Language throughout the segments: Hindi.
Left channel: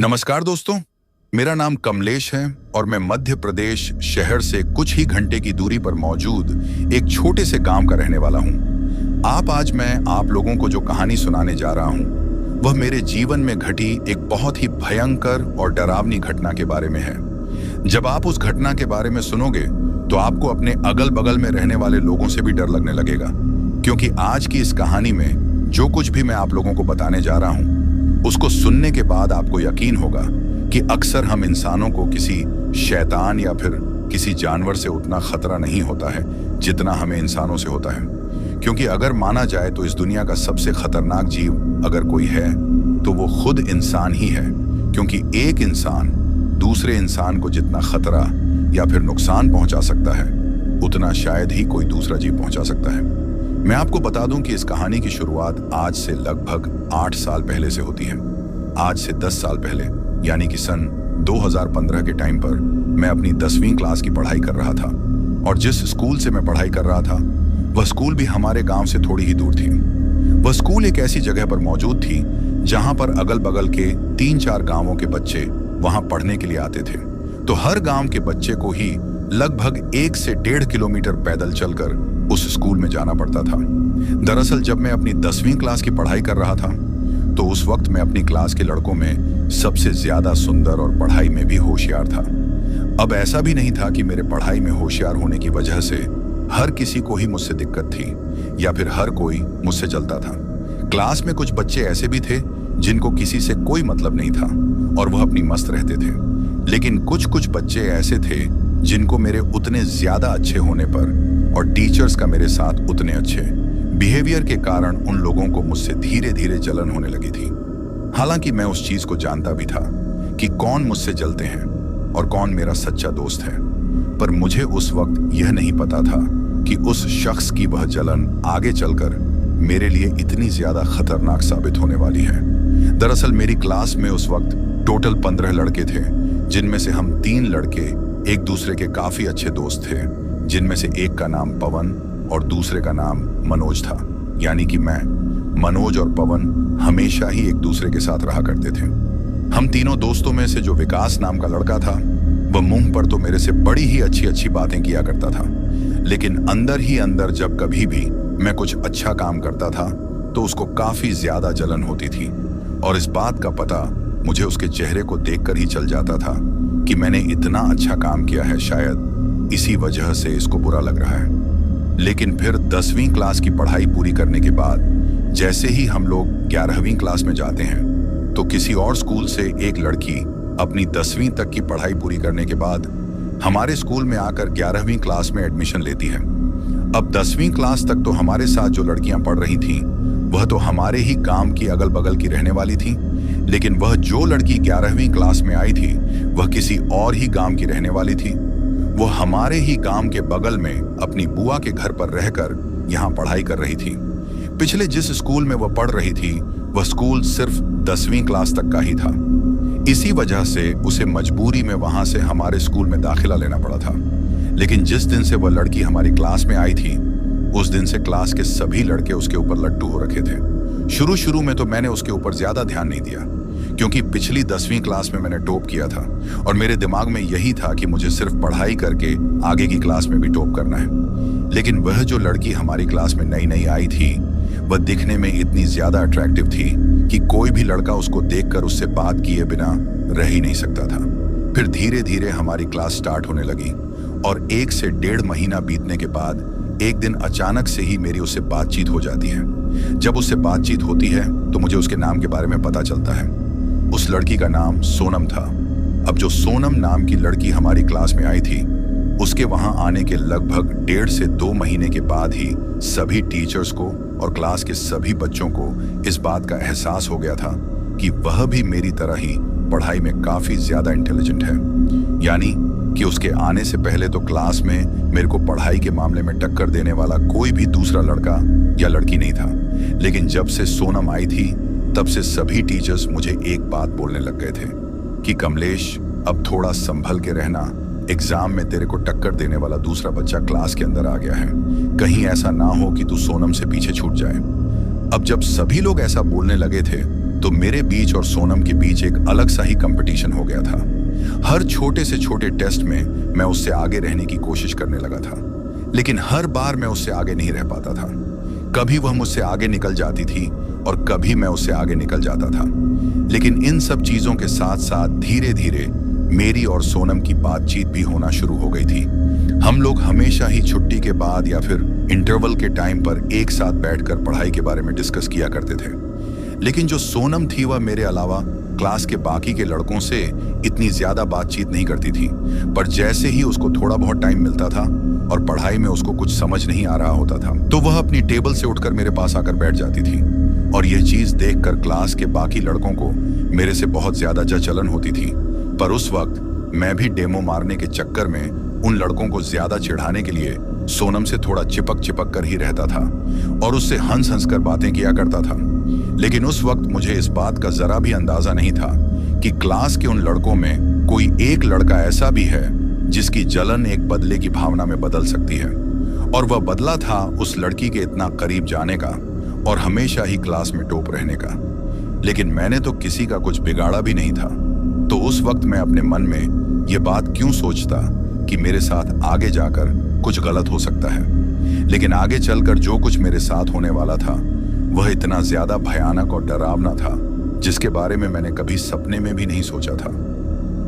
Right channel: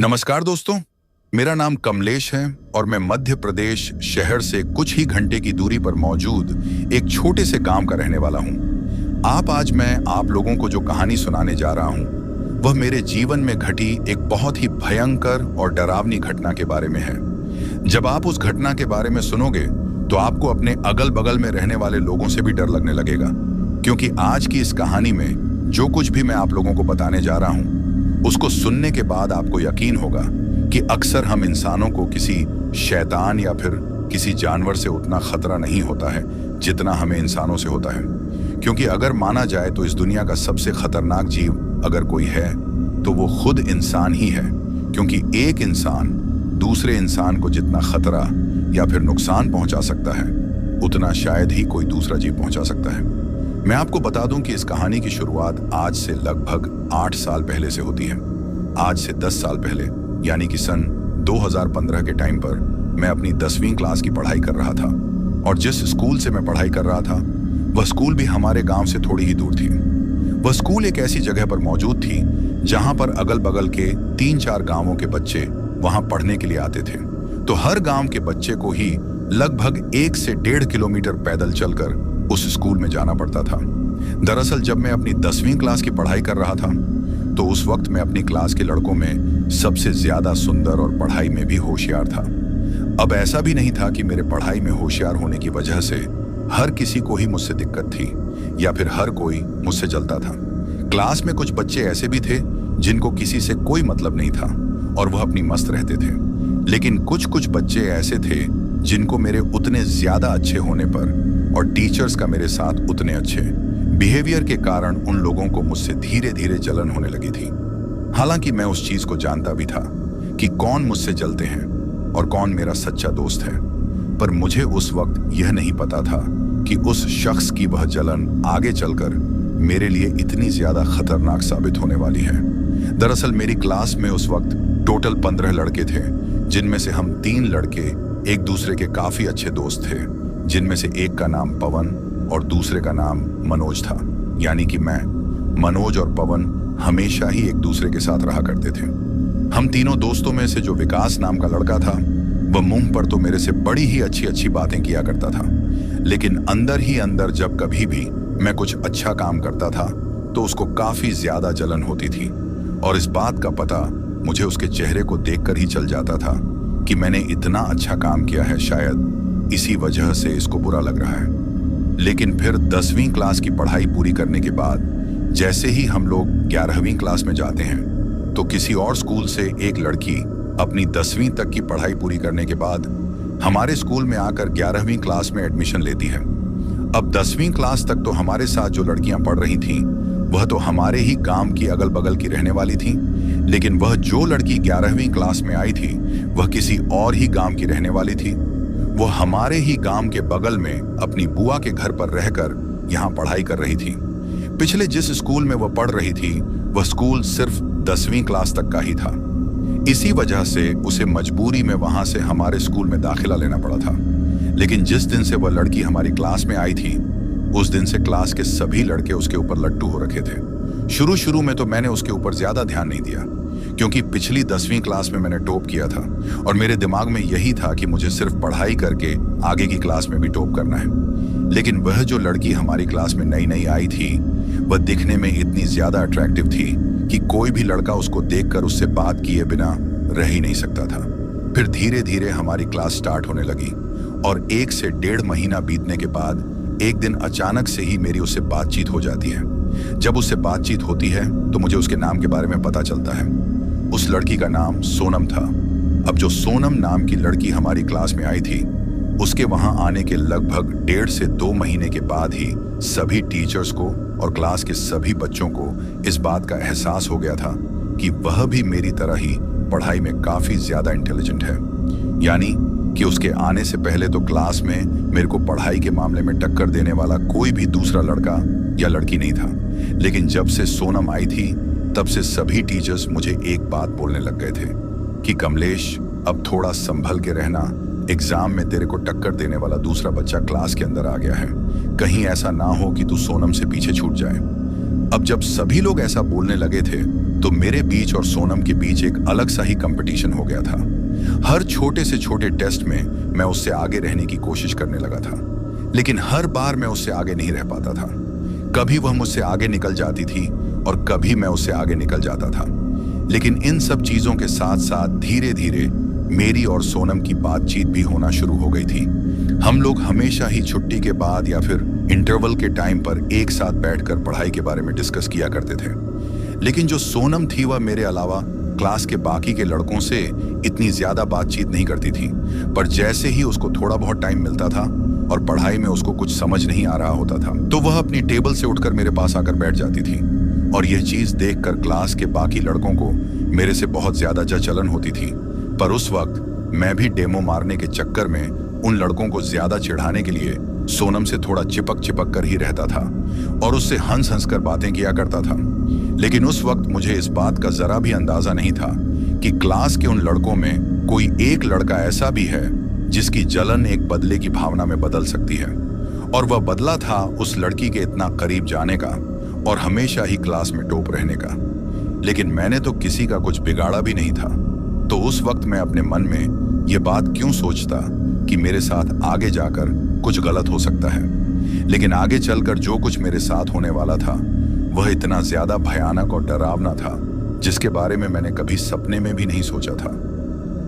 नमस्कार दोस्तों, मेरा नाम कमलेश है और मैं मध्य प्रदेश शहर से कुछ ही घंटे की दूरी पर मौजूद एक छोटे से गांव का रहने वाला हूं। आज मैं आप लोगों को जो कहानी सुनाने जा रहा हूं, वह मेरे जीवन में घटी एक बहुत ही भयंकर और डरावनी घटना के बारे में है। जब आप उस घटना के बारे में सुनोगे तो आपको अपने अगल बगल में रहने वाले लोगों से भी डर लगने लगेगा, क्योंकि आज की इस कहानी में जो कुछ भी मैं आप लोगों को बताने जा रहा हूं, उसको सुनने के बाद आपको यकीन होगा कि अक्सर हम इंसानों को किसी शैतान या फिर किसी जानवर से उतना खतरा नहीं होता है जितना हमें इंसानों से होता है। क्योंकि अगर माना जाए तो इस दुनिया का सबसे खतरनाक जीव अगर कोई है तो वो खुद इंसान ही है, क्योंकि एक इंसान दूसरे इंसान को जितना खतरा या फिर नुकसान पहुंचा सकता है उतना शायद ही कोई दूसरा जीव पहुंचा सकता है। मैं आपको बता दूं कि इस कहानी की शुरुआत आज से लगभग 8 साल पहले से होती है। आज से 10 साल पहले यानी कि सन 2015 के टाइम पर मैं अपनी 10वीं क्लास की पढ़ाई कर रहा था, और जिस स्कूल से मैं पढ़ाई कर रहा था वह स्कूल भी हमारे गांव से थोड़ी ही दूर थी। वह स्कूल एक ऐसी जगह पर मौजूद थी जहां पर अगल बगल के 3-4 गांवों के बच्चे वहां पढ़ने के लिए आते थे। तो हर गांव के बच्चे को ही लगभग 1 से 1.5 किलोमीटर पैदल चलकर उस स्कूल में जाना पड़ता था। दरअसल जब मैं अपनी 10वीं क्लास की पढ़ाई कर रहा था तो उस वक्त मैं अपनी क्लास के लड़कों में सबसे ज्यादा सुंदर और पढ़ाई में भी होशियार था। अब ऐसा भी नहीं था कि मेरे पढ़ाई में होशियार होने की वजह से हर किसी को ही मुझसे दिक्कत थी या फिर हर कोई मुझसे जलता था। क्लास में कुछ बच्चे ऐसे भी थे जिनको किसी से कोई मतलब नहीं था और वह अपनी मस्त रहते थे, लेकिन कुछ बच्चे ऐसे थे जिनको मेरे उतने ज्यादा अच्छे होने पर और टीचर्स का मेरे साथ उतने अच्छे बिहेवियर के कारण उन लोगों को मुझसे धीरे धीरे जलन होने लगी थी। हालांकि मैं उस चीज को जानता भी था कि कौन मुझसे जलते हैं और कौन मेरा सच्चा दोस्त है, पर मुझे उस वक्त यह नहीं पता था कि उस शख्स की वह जलन आगे चलकर मेरे लिए इतनी ज्यादा खतरनाक साबित होने वाली है। दरअसल मेरी क्लास में उस वक्त टोटल 15 लड़के थे, जिनमें से हम 3 लड़के एक दूसरे के काफी अच्छे दोस्त थे, जिनमें से एक का नाम पवन और दूसरे का नाम मनोज था। यानी कि मनोज और पवन हमेशा ही एक दूसरे के साथ रहा करते थे। हम तीनों दोस्तों में से जो विकास नाम का लड़का था वह मुंह पर तो मेरे से बड़ी ही अच्छी बातें किया करता था, लेकिन अंदर ही अंदर जब कभी भी मैं कुछ अच्छा काम करता था तो उसको काफी ज्यादा जलन होती थी, और इस बात का पता मुझे उसके चेहरे को देखकर ही चल जाता था कि मैंने इतना अच्छा काम किया है, शायद इसी वजह से इसको बुरा लग रहा है। लेकिन फिर 10वीं क्लास की पढ़ाई पूरी करने के बाद जैसे ही हम लोग 11वीं क्लास में जाते हैं तो किसी और स्कूल से एक लड़की अपनी 10वीं तक की पढ़ाई पूरी करने के बाद हमारे स्कूल में आकर 11वीं क्लास में एडमिशन लेती है। अब 10वीं क्लास तक तो हमारे साथ जो लड़कियां पढ़ रही थीं वह तो हमारे ही गांव की अगल बगल की रहने वाली थी, लेकिन वह जो लड़की 11वीं क्लास में आई थी वह किसी और ही गांव की रहने वाली थी। वो हमारे ही गांव के बगल में अपनी बुआ के घर पर रहकर यहाँ पढ़ाई कर रही थी। पिछले जिस स्कूल में वह पढ़ रही थी वह स्कूल सिर्फ 10वीं क्लास तक का ही था। इसी वजह से उसे मजबूरी में वहां से हमारे स्कूल में दाखिला लेना पड़ा था। लेकिन जिस दिन से वह लड़की हमारी क्लास में आई थी उस दिन से क्लास के सभी लड़के उसके ऊपर लट्टू हो रखे थे। शुरू में तो मैंने उसके ऊपर ज्यादा ध्यान नहीं दिया, क्योंकि पिछली 10वीं क्लास में मैंने टॉप किया था और मेरे दिमाग में यही था कि मुझे सिर्फ पढ़ाई करके आगे की क्लास में भी टॉप करना है। लेकिन वह जो लड़की हमारी क्लास में नई आई थी वह दिखने में इतनी ज्यादा अट्रैक्टिव थी कि कोई भी लड़का उसको देखकर उससे बात किए बिना रह ही नहीं सकता था। फिर धीरे धीरे हमारी क्लास स्टार्ट होने लगी और 1 से 1.5 महीना बीतने के बाद एक दिन अचानक से ही मेरी उससे बातचीत हो जाती है। जब उससे बातचीत होती है तो मुझे उसके नाम के बारे में पता चलता है। उस लड़की का नाम सोनम था। अब जो सोनम नाम की लड़की हमारी क्लास में आई थी उसके वहां आने के लगभग 1.5 से 2 महीने के बाद ही सभी टीचर्स को और क्लास के सभी बच्चों को इस बात का एहसास हो गया था कि वह भी मेरी तरह ही पढ़ाई में काफी ज्यादा इंटेलिजेंट है। यानी कि उसके आने से पहले तो क्लास में मेरे को पढ़ाई के मामले में टक्कर देने वाला कोई भी दूसरा लड़का या लड़की नहीं था, लेकिन जब से सोनम आई थी तब से सभी टीचर्स मुझे एक बात बोलने लग गए थे कि कमलेश, अब थोड़ा संभल के रहना, एग्जाम में तेरे को टक्कर देने वाला दूसरा बच्चा क्लास के अंदर आ गया है, कहीं ऐसा ना हो कि तू सोनम से पीछे छूट जाए। अब जब सभी लोग ऐसा बोलने लगे थे तो मेरे बीच और सोनम के बीच एक अलग सा ही कंपटीशन हो गया था। हर छोटे से छोटे टेस्ट में मैं उससे आगे रहने की कोशिश करने लगा था, लेकिन हर बार मैं उससे आगे नहीं रह पाता था। कभी वह मुझसे आगे निकल जाती थी और कभी मैं उससे आगे निकल जाता था। लेकिन इन सब चीजों के साथ साथ धीरे धीरे मेरी और सोनम की बातचीत भी होना शुरू हो गई थी। हम लोग हमेशा ही छुट्टी के बाद या फिर इंटरवल के टाइम पर एक साथ बैठकर पढ़ाई के बारे में डिस्कस किया करते थे। लेकिन जो सोनम थी वह मेरे अलावा क्लास के बाकी के लड़कों से इतनी ज्यादा बातचीत नहीं करती थी। पर जैसे ही उसको थोड़ा बहुत टाइम मिलता था और पढ़ाई में उसको कुछ समझ नहीं आ रहा होता था, तो वह अपनी टेबल से उठकर मेरे पास आकर बैठ जाती थी। और यह चीज देखकर क्लास के बाकी लड़कों को मेरे से बहुत ज्यादा जलन होती थी। पर उस वक्त मैं भी डेमो मारने के चक्कर में उन लड़कों को ज्यादा चिढ़ाने के लिए सोनम से थोड़ा चिपक कर ही रहता था और उससे हंस हंस कर बातें किया करता था। लेकिन उस वक्त मुझे इस बात का जरा भी अंदाजा नहीं था कि क्लास के उन लड़कों में कोई एक लड़का ऐसा भी है जिसकी जलन एक बदले की भावना में बदल सकती है। और वह बदला था उस लड़की के इतना करीब जाने का और हमेशा ही क्लास में टॉप रहने का। लेकिन मैंने तो किसी का कुछ बिगाड़ा भी नहीं था, तो उस वक्त मैं अपने मन में ये बात क्यों सोचता कि मेरे साथ आगे जाकर कुछ गलत हो सकता है। लेकिन आगे चलकर जो कुछ मेरे साथ होने वाला था वह इतना ज्यादा भयानक और डरावना था जिसके बारे में मैंने कभी सपने में भी नहीं सोचा था।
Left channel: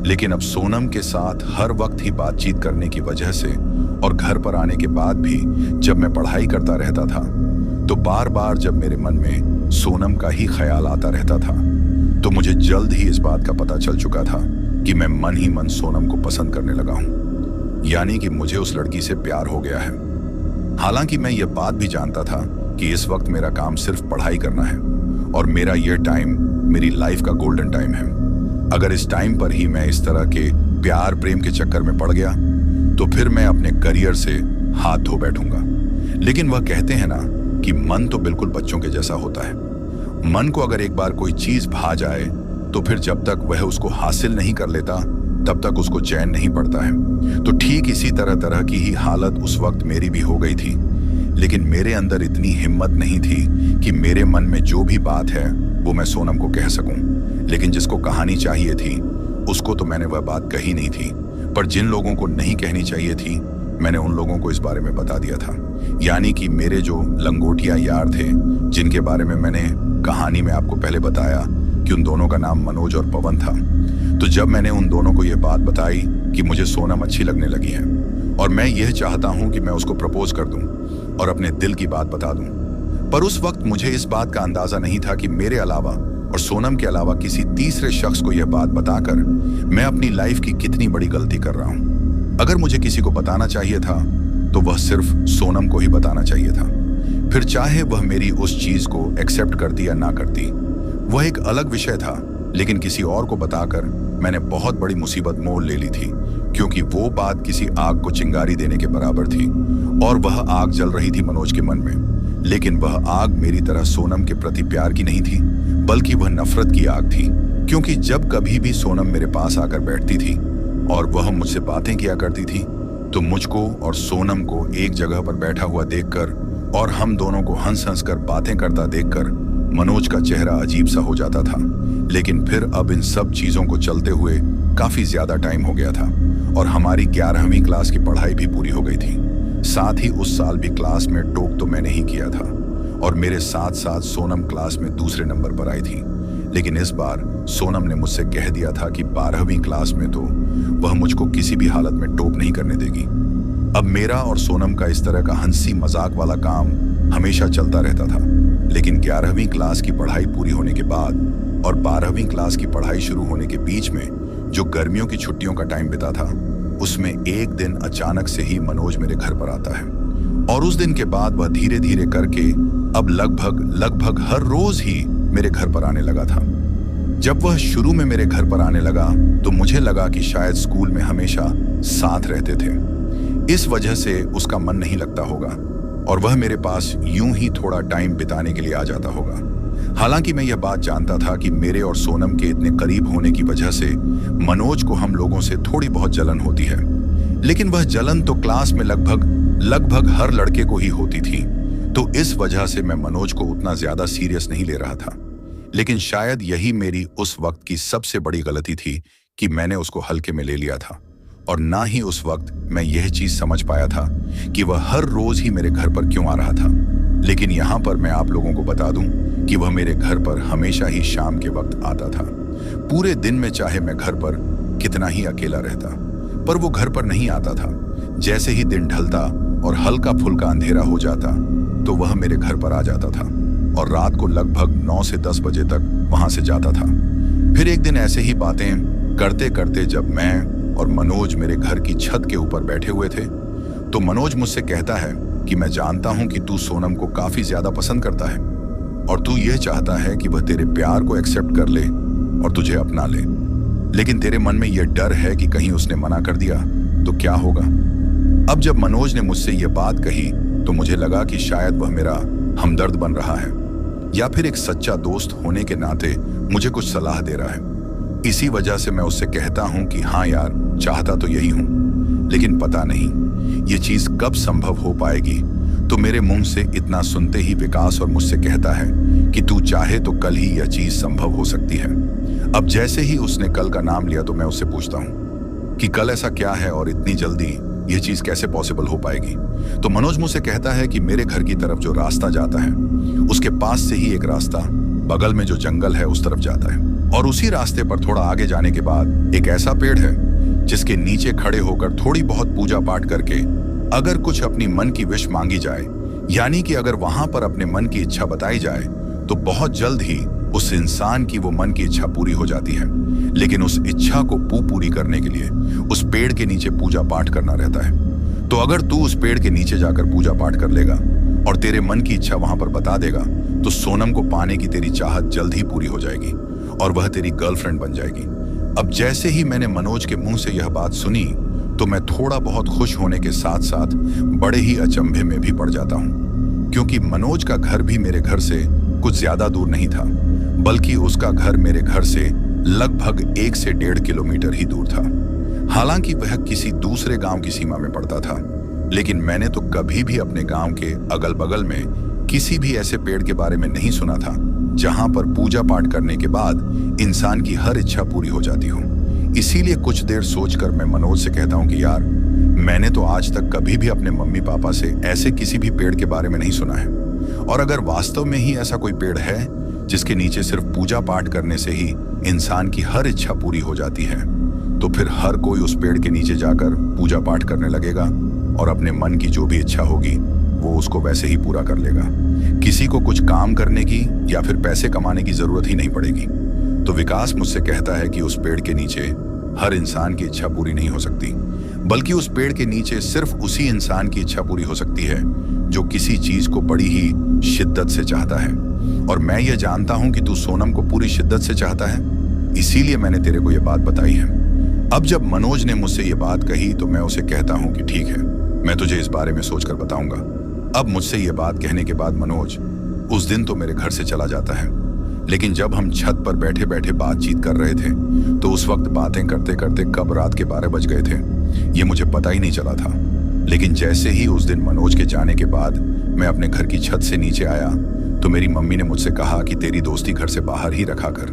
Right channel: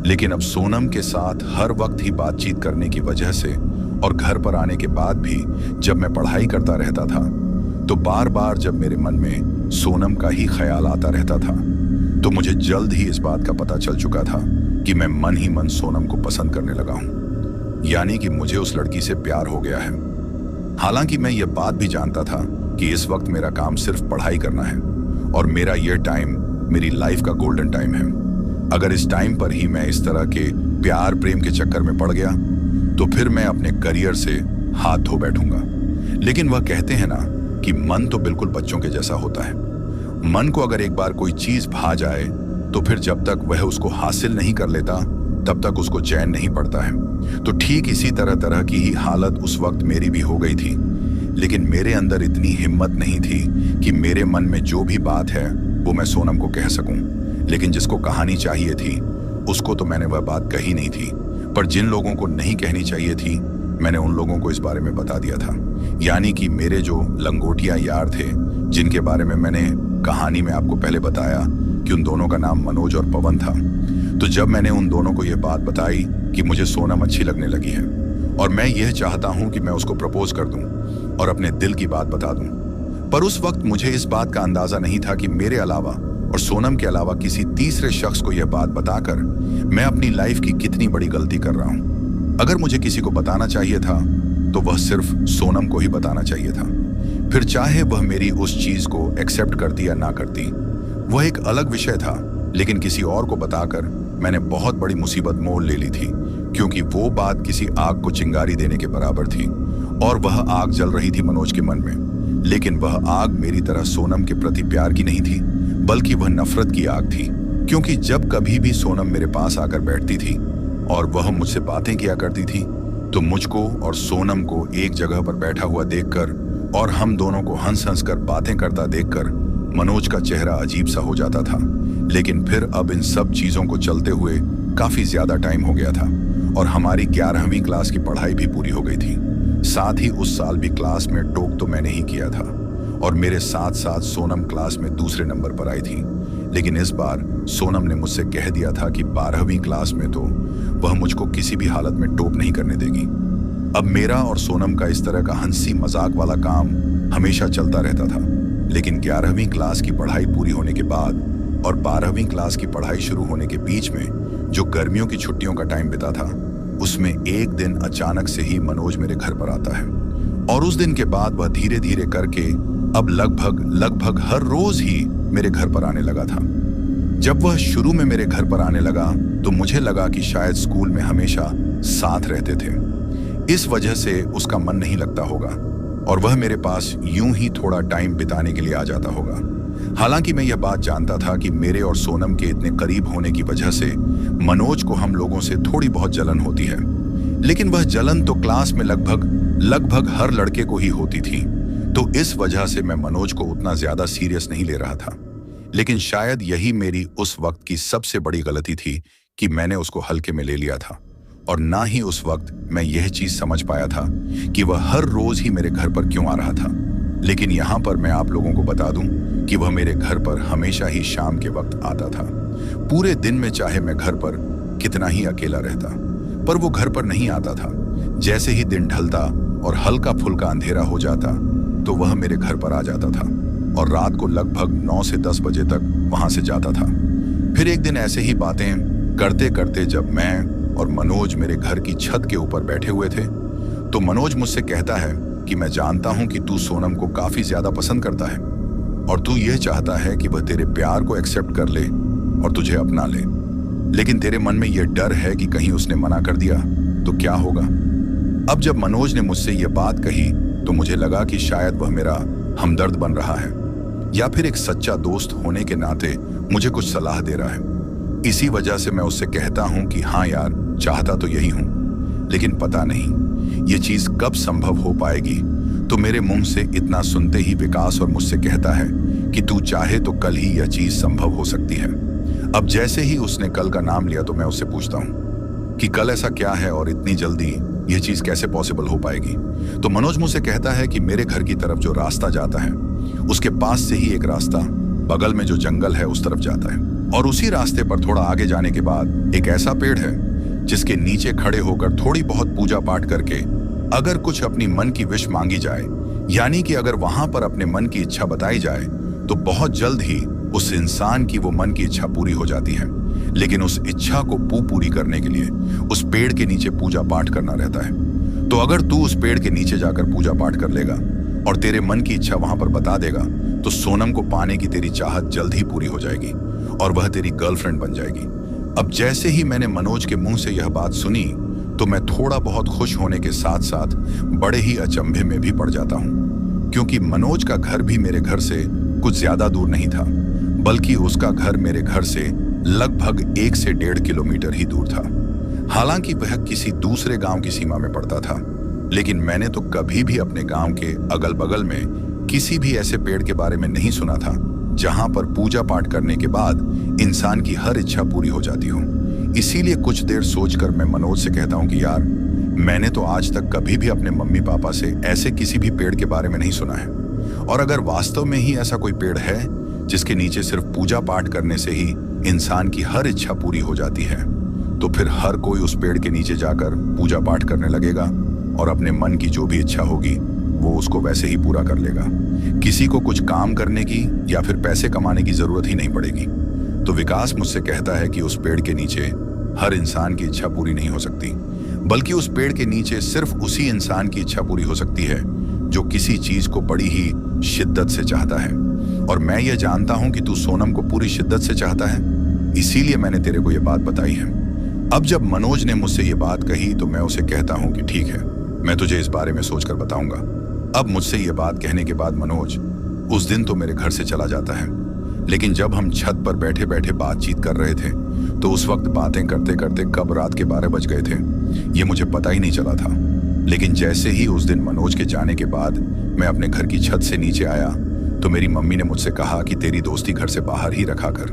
लेकिन अब सोनम के साथ हर वक्त ही बातचीत करने की वजह से और घर पर आने के बाद भी जब मैं पढ़ाई करता रहता था, तो बार बार जब मेरे मन में सोनम का ही ख्याल आता रहता था, तो मुझे जल्द ही इस बात का पता चल चुका था कि मैं मन ही मन सोनम को पसंद करने लगा हूं। यानी कि मुझे उस लड़की से प्यार हो गया है। हालांकि मैं यह बात भी जानता था कि इस वक्त मेरा काम सिर्फ पढ़ाई करना है और मेरा यह टाइम मेरी लाइफ का गोल्डन टाइम है। अगर इस टाइम पर ही मैं इस तरह के प्यार प्रेम के चक्कर में पड़ गया तो फिर मैं अपने करियर से हाथ धो बैठूंगा। लेकिन वह कहते हैं ना कि मन तो बिल्कुल बच्चों के जैसा होता है। मन को अगर एक बार कोई चीज भा जाए तो फिर जब तक वह उसको हासिल नहीं कर लेता तब तक उसको चैन नहीं पड़ता है। तो ठीक इसी तरह की ही हालत उस वक्त मेरी भी हो गई थी। लेकिन मेरे अंदर इतनी हिम्मत नहीं थी कि मेरे मन में जो भी बात है वो मैं सोनम को कह सकूं। लेकिन जिसको कहानी चाहिए थी उसको तो मैंने वह बात कही नहीं थी, पर जिन लोगों को नहीं कहनी चाहिए थी मैंने उन लोगों को इस बारे में बता दिया था। यानी कि मेरे जो लंगोटिया यार थे जिनके बारे में मैंने कहानी में आपको पहले बताया कि उन दोनों का नाम मनोज और पवन था। तो जब मैंने उन दोनों को यह बात बताई कि मुझे सोनम अच्छी लगने लगी है और मैं यह चाहता हूं कि मैं उसको प्रपोज कर दूं और अपने दिल की बात बता दूं, पर उस वक्त मुझे इस बात का अंदाजा नहीं था कि मेरे अलावा और सोनम के अलावा किसी तीसरे शख्स को यह बात बताकर मैं अपनी लाइफ की कितनी बड़ी गलती कर रहा हूं। अगर मुझे किसी को बताना चाहिए था तो वह सिर्फ सोनम को ही बताना चाहिए था। फिर चाहे वह मेरी उस चीज को एक्सेप्ट करती या ना करती वह एक अलग विषय था, लेकिन किसी और को बताकर मैंने बहुत बड़ी मुसीबत मोल ले ली थी, क्योंकि वो बात किसी आग को चिंगारी देने के बराबर थी और वह आग जल रही थी मनोज के मन में। लेकिन वह आग मेरी तरह सोनम के प्रति प्यार की नहीं थी, बल्कि वह नफरत की आग थी। क्योंकि जब कभी भी सोनम मेरे पास आकर बैठती थी और वह मुझसे बातें किया करती थी तो मुझको और सोनम को एक जगह पर बैठा हुआ देखकर और हम दोनों को हंस हंस कर बातें करता देखकर मनोज का चेहरा अजीब सा हो जाता था। लेकिन फिर अब इन सब चीजों को चलते हुए काफी ज्यादा टाइम हो गया था और हमारी 11वीं क्लास की पढ़ाई भी पूरी हो गई थी। साथ ही उस साल भी क्लास में टॉप तो मैंने ही किया था और मेरे साथ साथ सोनम क्लास में दूसरे नंबर पर आई थी। लेकिन इस बार सोनम ने मुझसे कह दिया था कि 12वीं क्लास में तो वह मुझको किसी भी हालत में टॉप नहीं करने देगी। अब मेरा और सोनम का इस तरह का हंसी मजाक वाला काम हमेशा चलता रहता था। लेकिन 11वीं क्लास की पढ़ाई पूरी होने के बाद और 12वीं क्लास की पढ़ाई शुरू होने के बीच में जो गर्मियों की छुट्टियों का टाइम बिता था, उसमें एक दिन अचानक से ही मनोज मेरे घर पर आता है और उस दिन के बाद वह धीरे धीरे करके अब लगभग हर रोज ही मेरे घर पर आने लगा था। जब वह शुरू में मेरे घर पर आने लगा तो मुझे लगा कि शायद स्कूल में हमेशा साथ रहते थे, इस वजह से उसका मन नहीं लगता होगा और वह मेरे पास यूं ही थोड़ा टाइम बिताने के लिए आ जाता होगा। हालांकि मैं यह बात जानता था कि मेरे और सोनम के इतने करीब होने की वजह से मनोज को हम लोगों से थोड़ी बहुत जलन होती है, लेकिन वह जलन तो क्लास में लगभग हर लड़के को ही होती थी। तो इस वजह से मैं मनोज को उतना ज्यादा सीरियस नहीं ले रहा था। लेकिन शायद यही मेरी उस वक्त की सबसे बड़ी गलती थी कि मैंने उसको हल्के में ले लिया था। और ना ही उस वक्त मैं यह चीज समझ पाया था कि वह हर रोज ही मेरे घर पर क्यों आ रहा था। लेकिन यहां पर मैं आप लोगों को बता दूं कि वह मेरे घर पर हमेशा ही शाम के वक्त आता था। पूरे दिन में चाहे मैं घर पर कितना ही अकेला रहता, पर वो घर पर नहीं आता था। जैसे ही दिन ढलता और हल्का फुल्का अंधेरा हो जाता तो वह मेरे घर पर आ जाता था और रात को लगभग 9 से 10 बजे तक वहां से जाता था। फिर एक दिन ऐसे ही बातें करते करते जब मैं और मनोज मेरे घर की छत के ऊपर बैठे हुए थे तो मनोज मुझसे कहता है कि मैं जानता हूं कि तू सोनम को काफी ज्यादा पसंद करता है और तू यह चाहता है कि वह तेरे प्यार को एक्सेप्ट कर ले और तुझे अपना ले, लेकिन तेरे मन में यह डर है कि कहीं उसने मना कर दिया तो क्या होगा। अब जब मनोज ने मुझसे यह बात कही तो मुझे लगा कि शायद वह मेरा हमदर्द बन रहा है या फिर एक सच्चा दोस्त होने के नाते मुझे कुछ सलाह दे रहा है। इसी वजह से मैं उससे कहता हूं कि हाँ यार, चाहता तो यही हूं, लेकिन पता नहीं ये चीज कब संभव हो पाएगी। तो मेरे मुंह से इतना सुनते ही विकास और मुझसे कहता है कि तू चाहे तो कल ही यह चीज संभव हो सकती है। अब जैसे ही उसने कल का नाम लिया तो मैं उससे पूछता हूं कि कल ऐसा क्या है और इतनी जल्दी यह चीज कैसे पॉसिबल हो पाएगी। तो मनोज मुझसे कहता है कि मेरे घर की तरफ जो रास्ता जाता है उसके पास से ही एक रास्ता बगल में जो जंगल है उस तरफ जाता है और उसी रास्ते पर थोड़ा आगे जाने के बाद एक ऐसा पेड़ है जिसके नीचे खड़े होकर थोड़ी बहुत पूजा पाठ करके अगर कुछ अपनी मन की विश मांगी जाए, यानी कि अगर वहां पर अपने मन की इच्छा बताई जाए तो बहुत जल्द ही उस इंसान की वो मन की इच्छा पूरी हो जाती है। लेकिन उस इच्छा को पूरी करने के लिए उस पेड़ के नीचे पूजा पाठ करना रहता है। तो अगर तू उस पेड़ के नीचे जाकर पूजा पाठ कर लेगा और तेरे मन की इच्छा वहां पर बता देगा तो सोनम को पाने की तेरी चाहत जल्द ही पूरी हो जाएगी और वह तेरी गर्लफ्रेंड बन जाएगी। अब जैसे ही मैंने मनोज के मुंह से यह बात सुनी तो मैं थोड़ा बहुत खुश होने के साथ साथ बड़े ही अचंभे में भी पड़ जाता हूं, क्योंकि मनोज का घर भी मेरे घर से कुछ ज्यादा दूर नहीं था, बल्कि उसका घर मेरे घर से लगभग 1 से 1.5 किलोमीटर ही दूर था। हालांकि वह किसी दूसरे गांव की सीमा में पड़ता था, लेकिन मैंने तो कभी भी अपने गांव के अगल बगल में किसी भी ऐसे पेड़ के बारे में नहीं सुना था जहां पर पूजा पाठ करने के बाद इंसान की हर इच्छा पूरी हो जाती हो। इसीलिए कुछ देर सोचकर मैं मनोज से कहता हूं कि यार, मैंने तो आज तक कभी भी अपने मम्मी पापा से ऐसे किसी भी पेड़ के बारे में नहीं सुना है, और अगर वास्तव में ही ऐसा कोई पेड़ है जिसके नीचे सिर्फ पूजा पाठ करने से ही इंसान की हर इच्छा पूरी हो जाती है, तो फिर हर कोई उस पेड़ के नीचे जाकर पूजा पाठ करने लगेगा और अपने मन की जो भी इच्छा होगी वो उसको वैसे ही पूरा कर लेगा। किसी को कुछ काम करने की या फिर पैसे कमाने की जरूरत ही नहीं पड़ेगी। तो विकास मुझसे कहता है कि उस पेड़ के नीचे हर इंसान की इच्छा पूरी नहीं हो सकती, बल्कि उस पेड़ के नीचे सिर्फ उसी इंसान की इच्छा पूरी हो सकती है जो किसी चीज को बड़ी ही शिद्दत से चाहता है। और मैं ये जानता हूं कि तू सोनम को पूरी शिद्दत से चाहता है, इसीलिए मैंने तेरे को ये बात बताई है। अब जब मनोज ने मुझसे ये बात कही तो मैं उसे कहता हूं कि ठीक है, मैं तुझे इस बारे में सोचकर बताऊंगा। अब मुझसे ये बात कहने के बाद मनोज उस दिन तो मेरे घर से चला जाता है, लेकिन जब हम छत पर बैठे बैठे बातचीत कर रहे थे तो उस वक्त बातें करते करते कब रात के 12 बज गए थे ये मुझे पता ही नहीं चला था। लेकिन जैसे ही उस दिन मनोज के जाने के बाद मैं अपने घर की छत से नीचे आया तो मेरी मम्मी ने मुझसे कहा कि तेरी दोस्ती घर से बाहर ही रखा कर,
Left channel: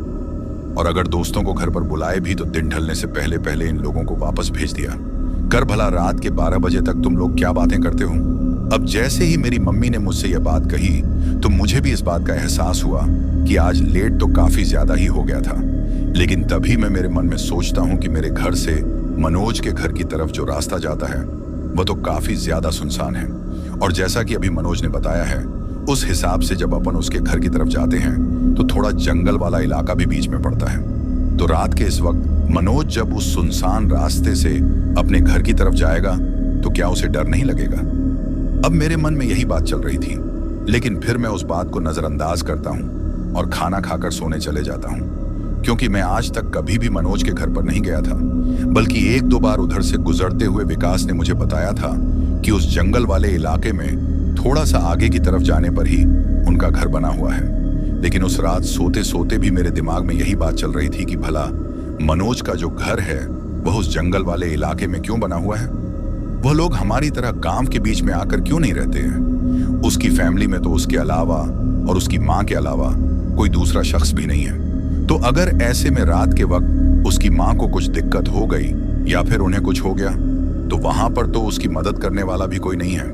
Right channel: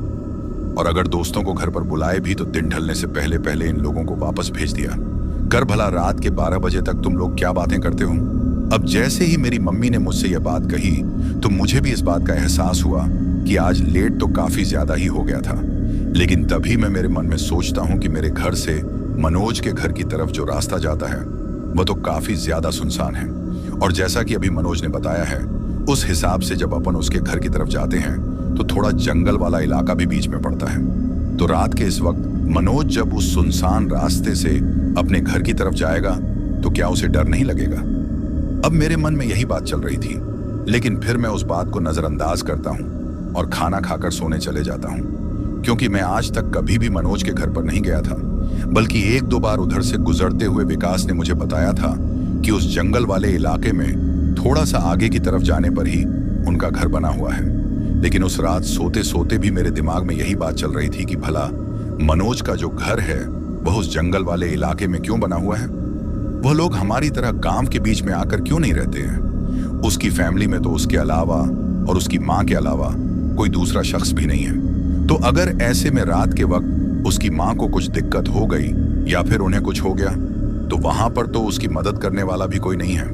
और अगर दोस्तों को घर पर बुलाए भी तो दिन ढलने से पहले पहले इन लोगों को वापस भेज दिया कर। भला रात के 12 बजे तक तुम लोग क्या बातें करते हो। अब जैसे ही मेरी मम्मी ने मुझसे यह बात कही तो मुझे भी इस बात का एहसास हुआ कि आज लेट तो काफी ज्यादा ही हो गया था। लेकिन तभी मैं मेरे मन में सोचता हूं कि मेरे घर से मनोज के घर की तरफ जो रास्ता जाता है वह तो काफी ज्यादा सुनसान है, और जैसा कि अभी मनोज ने बताया है उस हिसाब से जब अपन उसके घर की तरफ जाते हैं तो थोड़ा जंगल वाला इलाका भी बीच में पड़ता है। तो रात के इस वक्त मनोज जब उस सुनसान रास्ते से अपने घर की तरफ जाएगा तो क्या उसे डर नहीं लगेगा। अब मेरे मन में यही बात चल रही थी, लेकिन फिर मैं उस बात को नजरअंदाज करता हूं और खाना खाकर सोने चले जाता हूं, क्योंकि मैं आज तक कभी भी मनोज के घर पर नहीं गया था, बल्कि 1-2 बार उधर से गुजरते हुए विकास ने मुझे बताया था कि उस जंगल वाले इलाके में थोड़ा सा आगे की तरफ जाने पर ही उनका घर बना हुआ है। लेकिन उस रात सोते सोते भी मेरे दिमाग में यही बात चल रही थी कि भला मनोज का जो घर है वह उस जंगल वाले इलाके में क्यों बना हुआ है। वह लोग हमारी तरह गांव के बीच में आकर क्यों नहीं रहते हैं। उसकी फैमिली में तो उसके अलावा और उसकी माँ के अलावा कोई दूसरा शख्स भी नहीं है। तो अगर ऐसे में रात के वक्त उसकी माँ को कुछ दिक्कत हो गई या फिर उन्हें कुछ हो गया, तो वहां पर तो उसकी मदद करने वाला भी कोई नहीं है।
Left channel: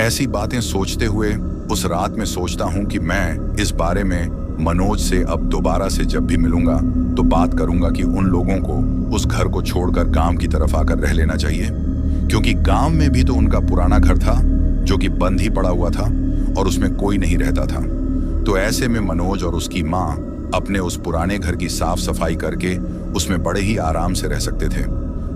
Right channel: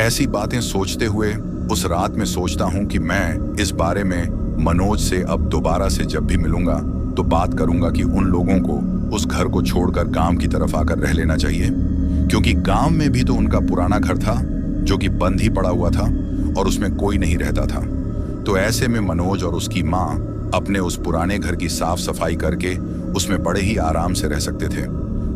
ऐसी बातें सोचते हुए उस रात में सोचता हूं कि मैं इस बारे में मनोज से अब दोबारा से जब भी मिलूंगा तो बात करूंगा कि उन लोगों को उस घर को छोड़कर गांव की तरफ आकर रह लेना चाहिए, क्योंकि गांव में भी तो उनका पुराना घर था जो कि बंद ही पड़ा हुआ था और उसमें कोई नहीं रहता था। तो ऐसे में मनोज और उसकी माँ अपने उस पुराने घर की साफ सफाई करके उसमें बड़े ही आराम से रह सकते थे।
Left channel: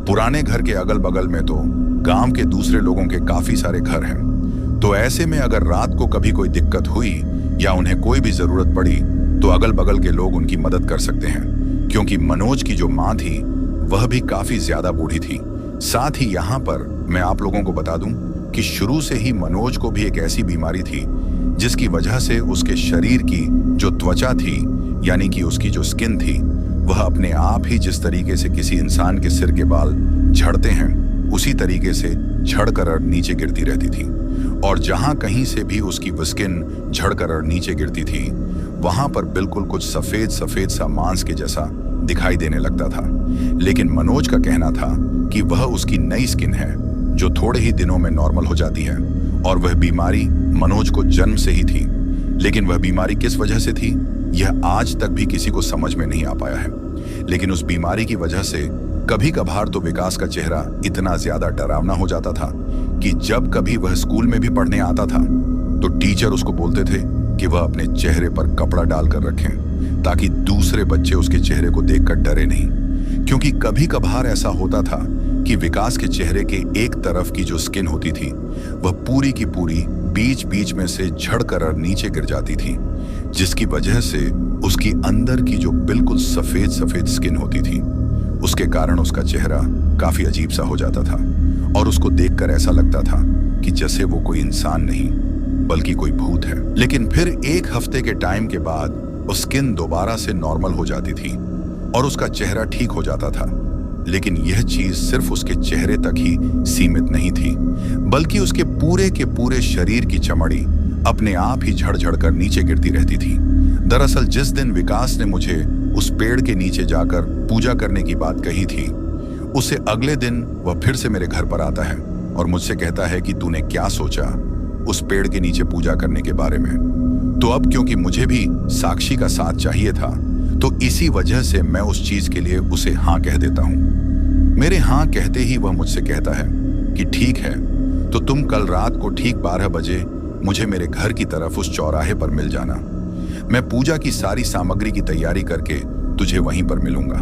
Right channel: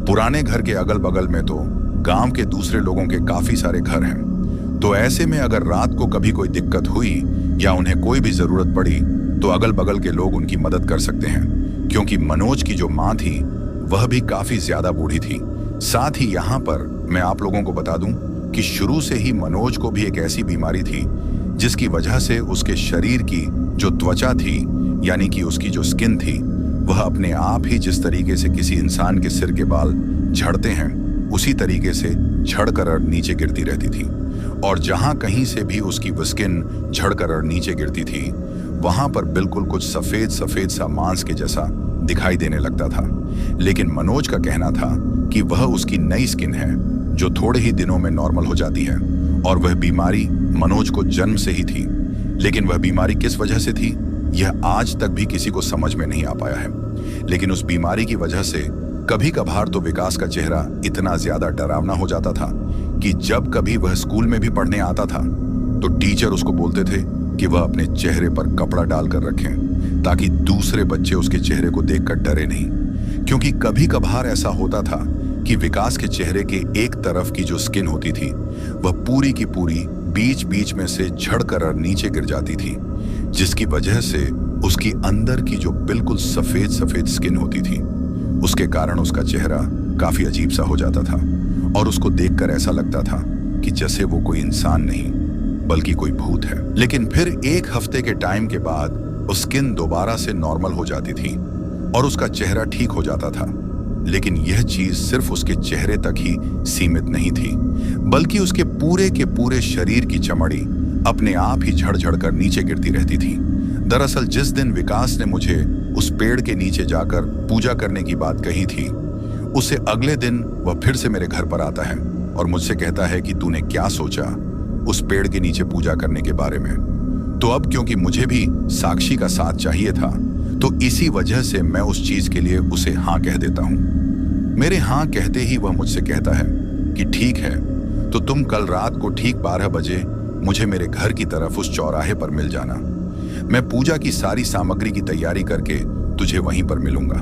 पुराने घर के अगल बगल में तो गांव के दूसरे लोगों के काफी सारे घर हैं। तो ऐसे में अगर रात को कभी कोई दिक्कत हुई या उन्हें कोई भी जरूरत पड़ी तो अगल बगल के लोग उनकी मदद कर सकते हैं, क्योंकि मनोज की जो माँ थी वह भी काफी ज्यादा बूढ़ी थी। साथ ही यहाँ पर मैं आप लोगों को बता दूं कि शुरू से ही मनोज को भी एक ऐसी बीमारी थी जिसकी वजह से उसके शरीर की जो त्वचा थी, यानी कि उसकी जो स्किन थी, वह अपने आप ही जिस तरीके से किसी इंसान के सिर के बाल झड़ते हैं उसी तरीके से झड़कर नीचे गिरती रहती थी। और जहां कहीं से भी उसकी वो स्किन झड़कर नीचे गिरती थी वहां पर बिल्कुल कुछ सफेद सफेद सा मांस के जैसा दिखाई देने लगता था। लेकिन मनोज का कहना था कि वह उसकी नई स्किन है जो थोड़े ही दिनों में नॉर्मल हो जाती है, और वह बीमारी मनोज को जन्म से ही थी। लेकिन वह बीमारी किस वजह से थी यह आज तक भी किसी को समझ में नहीं आ पाया है। लेकिन उस बीमारी की वजह से कभी कभार तो विकास का चेहरा इतना ज्यादा डरावना हो जाता था कि जब कभी वह स्कूल में भी पढ़ने आता था तो टीचर उसको बोलते थे कि वह अपने चेहरे पर कपड़ा डालकर रखें ताकि दूसरे बच्चे उसके चेहरे को देखकर डरे नहीं। क्योंकि कभी कभार ऐसा होता था कि विकास के चेहरे के एक तरफ की जो स्किन होती थी वह पूरी की पूरी बीच बीच में से झड़कर नीचे गिर जाती थी, जिसकी वजह से उसकी अंदर की जो बिल्कुल सफेद सफेद स्किन होती थी उसके कारण उसका चेहरा काफी अजीब सा हो जाता था और उसको देखकर ऐसा लगता था कि जैसे वो कोई इंसान नहीं बल्कि कोई भूत है। लेकिन फिर एक हफ्ते के टाइम के बाद वो स्किन दोबारा से नॉर्मल हो जाती थी और उसका चेहरा ठीक हो जाता था। लेकिन यह चीज सिर्फ उसके चेहरे तक ही सीमित नहीं थी, बल्कि उसके पूरे के पूरे शरीर की चमड़ी अपने आप ही झड़ कर नीचे गिरती रहती थी। दरअसल जिस दिन विकास ने मुझे उस पेड़ के नीचे जाकर पूजा करने की बात कही थी, उससे अगले दिन वह फिर से मेरे घर पर आता है और मुझसे कहता है कि तूने क्या सोचा उस पेड़ के नीचे पूजा करने के बारे में। तो अब क्योंकि मुझे भी साक्षी का साथ चाहिए था तो इसी वजह से मैं उस चीज के लिए उसे हाँ कह देता हूं। मेरे हाँ कहते ही वह मुझसे कहता है कि ठीक है, तो तुम कल रात को ठीक 12 बजे मुझे मेरे घर की तरफ उस चौराहे पर मिल जाना। मैं पूजा की सारी सामग्री की तैयारी करके तुझे वहीं पर मिलूंगा।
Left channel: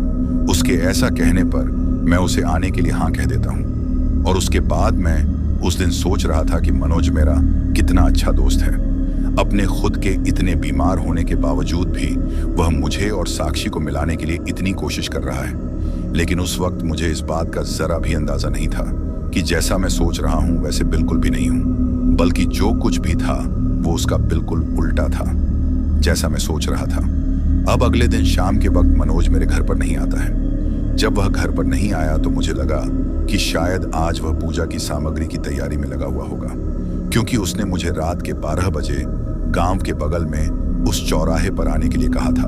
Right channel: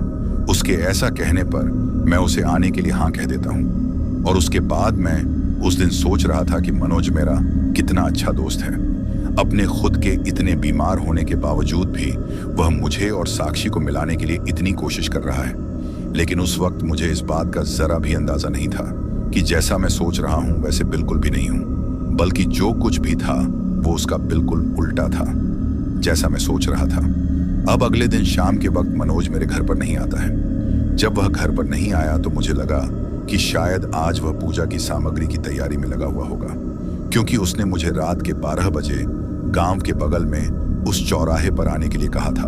उसके ऐसा कहने पर मैं उसे आने के लिए हाँ कह देता हूं। और उसके बाद मैं उस दिन सोच रहा था कि मनोज मेरा कितना अच्छा दोस्त है। अपने खुद के इतने बीमार होने के बावजूद भी वह मुझे और साक्षी को मिलाने के लिए इतनी कोशिश कर रहा है। लेकिन उस वक्त मुझे इस बात का जरा भी अंदाजा नहीं था कि जैसा मैं सोच रहा हूं वैसे बिल्कुल भी नहीं हूं, बल्कि जो कुछ भी था वो उसका बिल्कुल उल्टा था जैसा मैं सोच रहा था। अब अगले दिन शाम के वक्त मनोज मेरे घर पर नहीं आता है। जब वह घर पर नहीं आया तो मुझे लगा कि शायद आज वह पूजा की सामग्री की तैयारी में लगा हुआ होगा, क्योंकि उसने मुझे रात के 12 बजे गांव के बगल में उस चौराहे पर आने के लिए कहा था।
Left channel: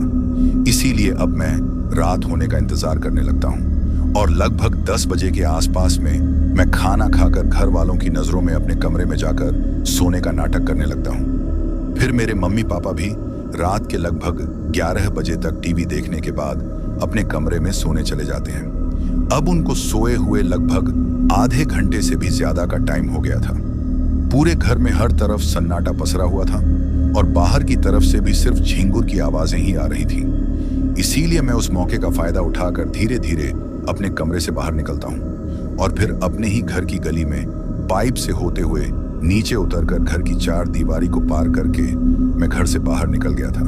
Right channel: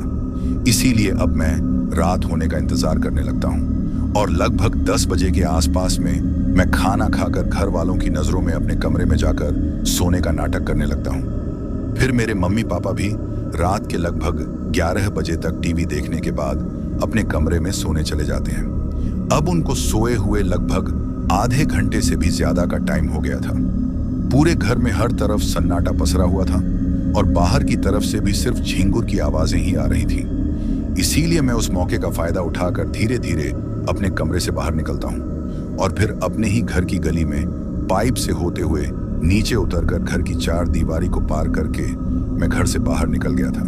इसीलिए अब मैं रात होने का इंतजार करने लगता हूं और लगभग 10 बजे के आसपास में मैं खाना खाकर घर वालों की नजरों में अपने कमरे में जाकर सोने का नाटक करने लगता हूं। फिर मेरे मम्मी पापा भी रात के लगभग 11 बजे तक टीवी देखने के बाद अपने कमरे में सोने चले जाते हैं। अब उनको सोए हुए लगभग आधे घंटे से भी ज्यादा का टाइम हो गया था। पूरे घर में हर तरफ सन्नाटा पसरा हुआ था और बाहर की तरफ से भी सिर्फ झिंगुर की आवाजें ही आ रही थी। इसीलिए मैं उस मौके का फायदा उठाकर धीरे धीरे अपने कमरे से बाहर निकलता हूं और फिर अपने ही घर की गली में पाइप से होते हुए नीचे उतरकर घर की 4 दीवारी को पार करके मैं घर से बाहर निकल गया था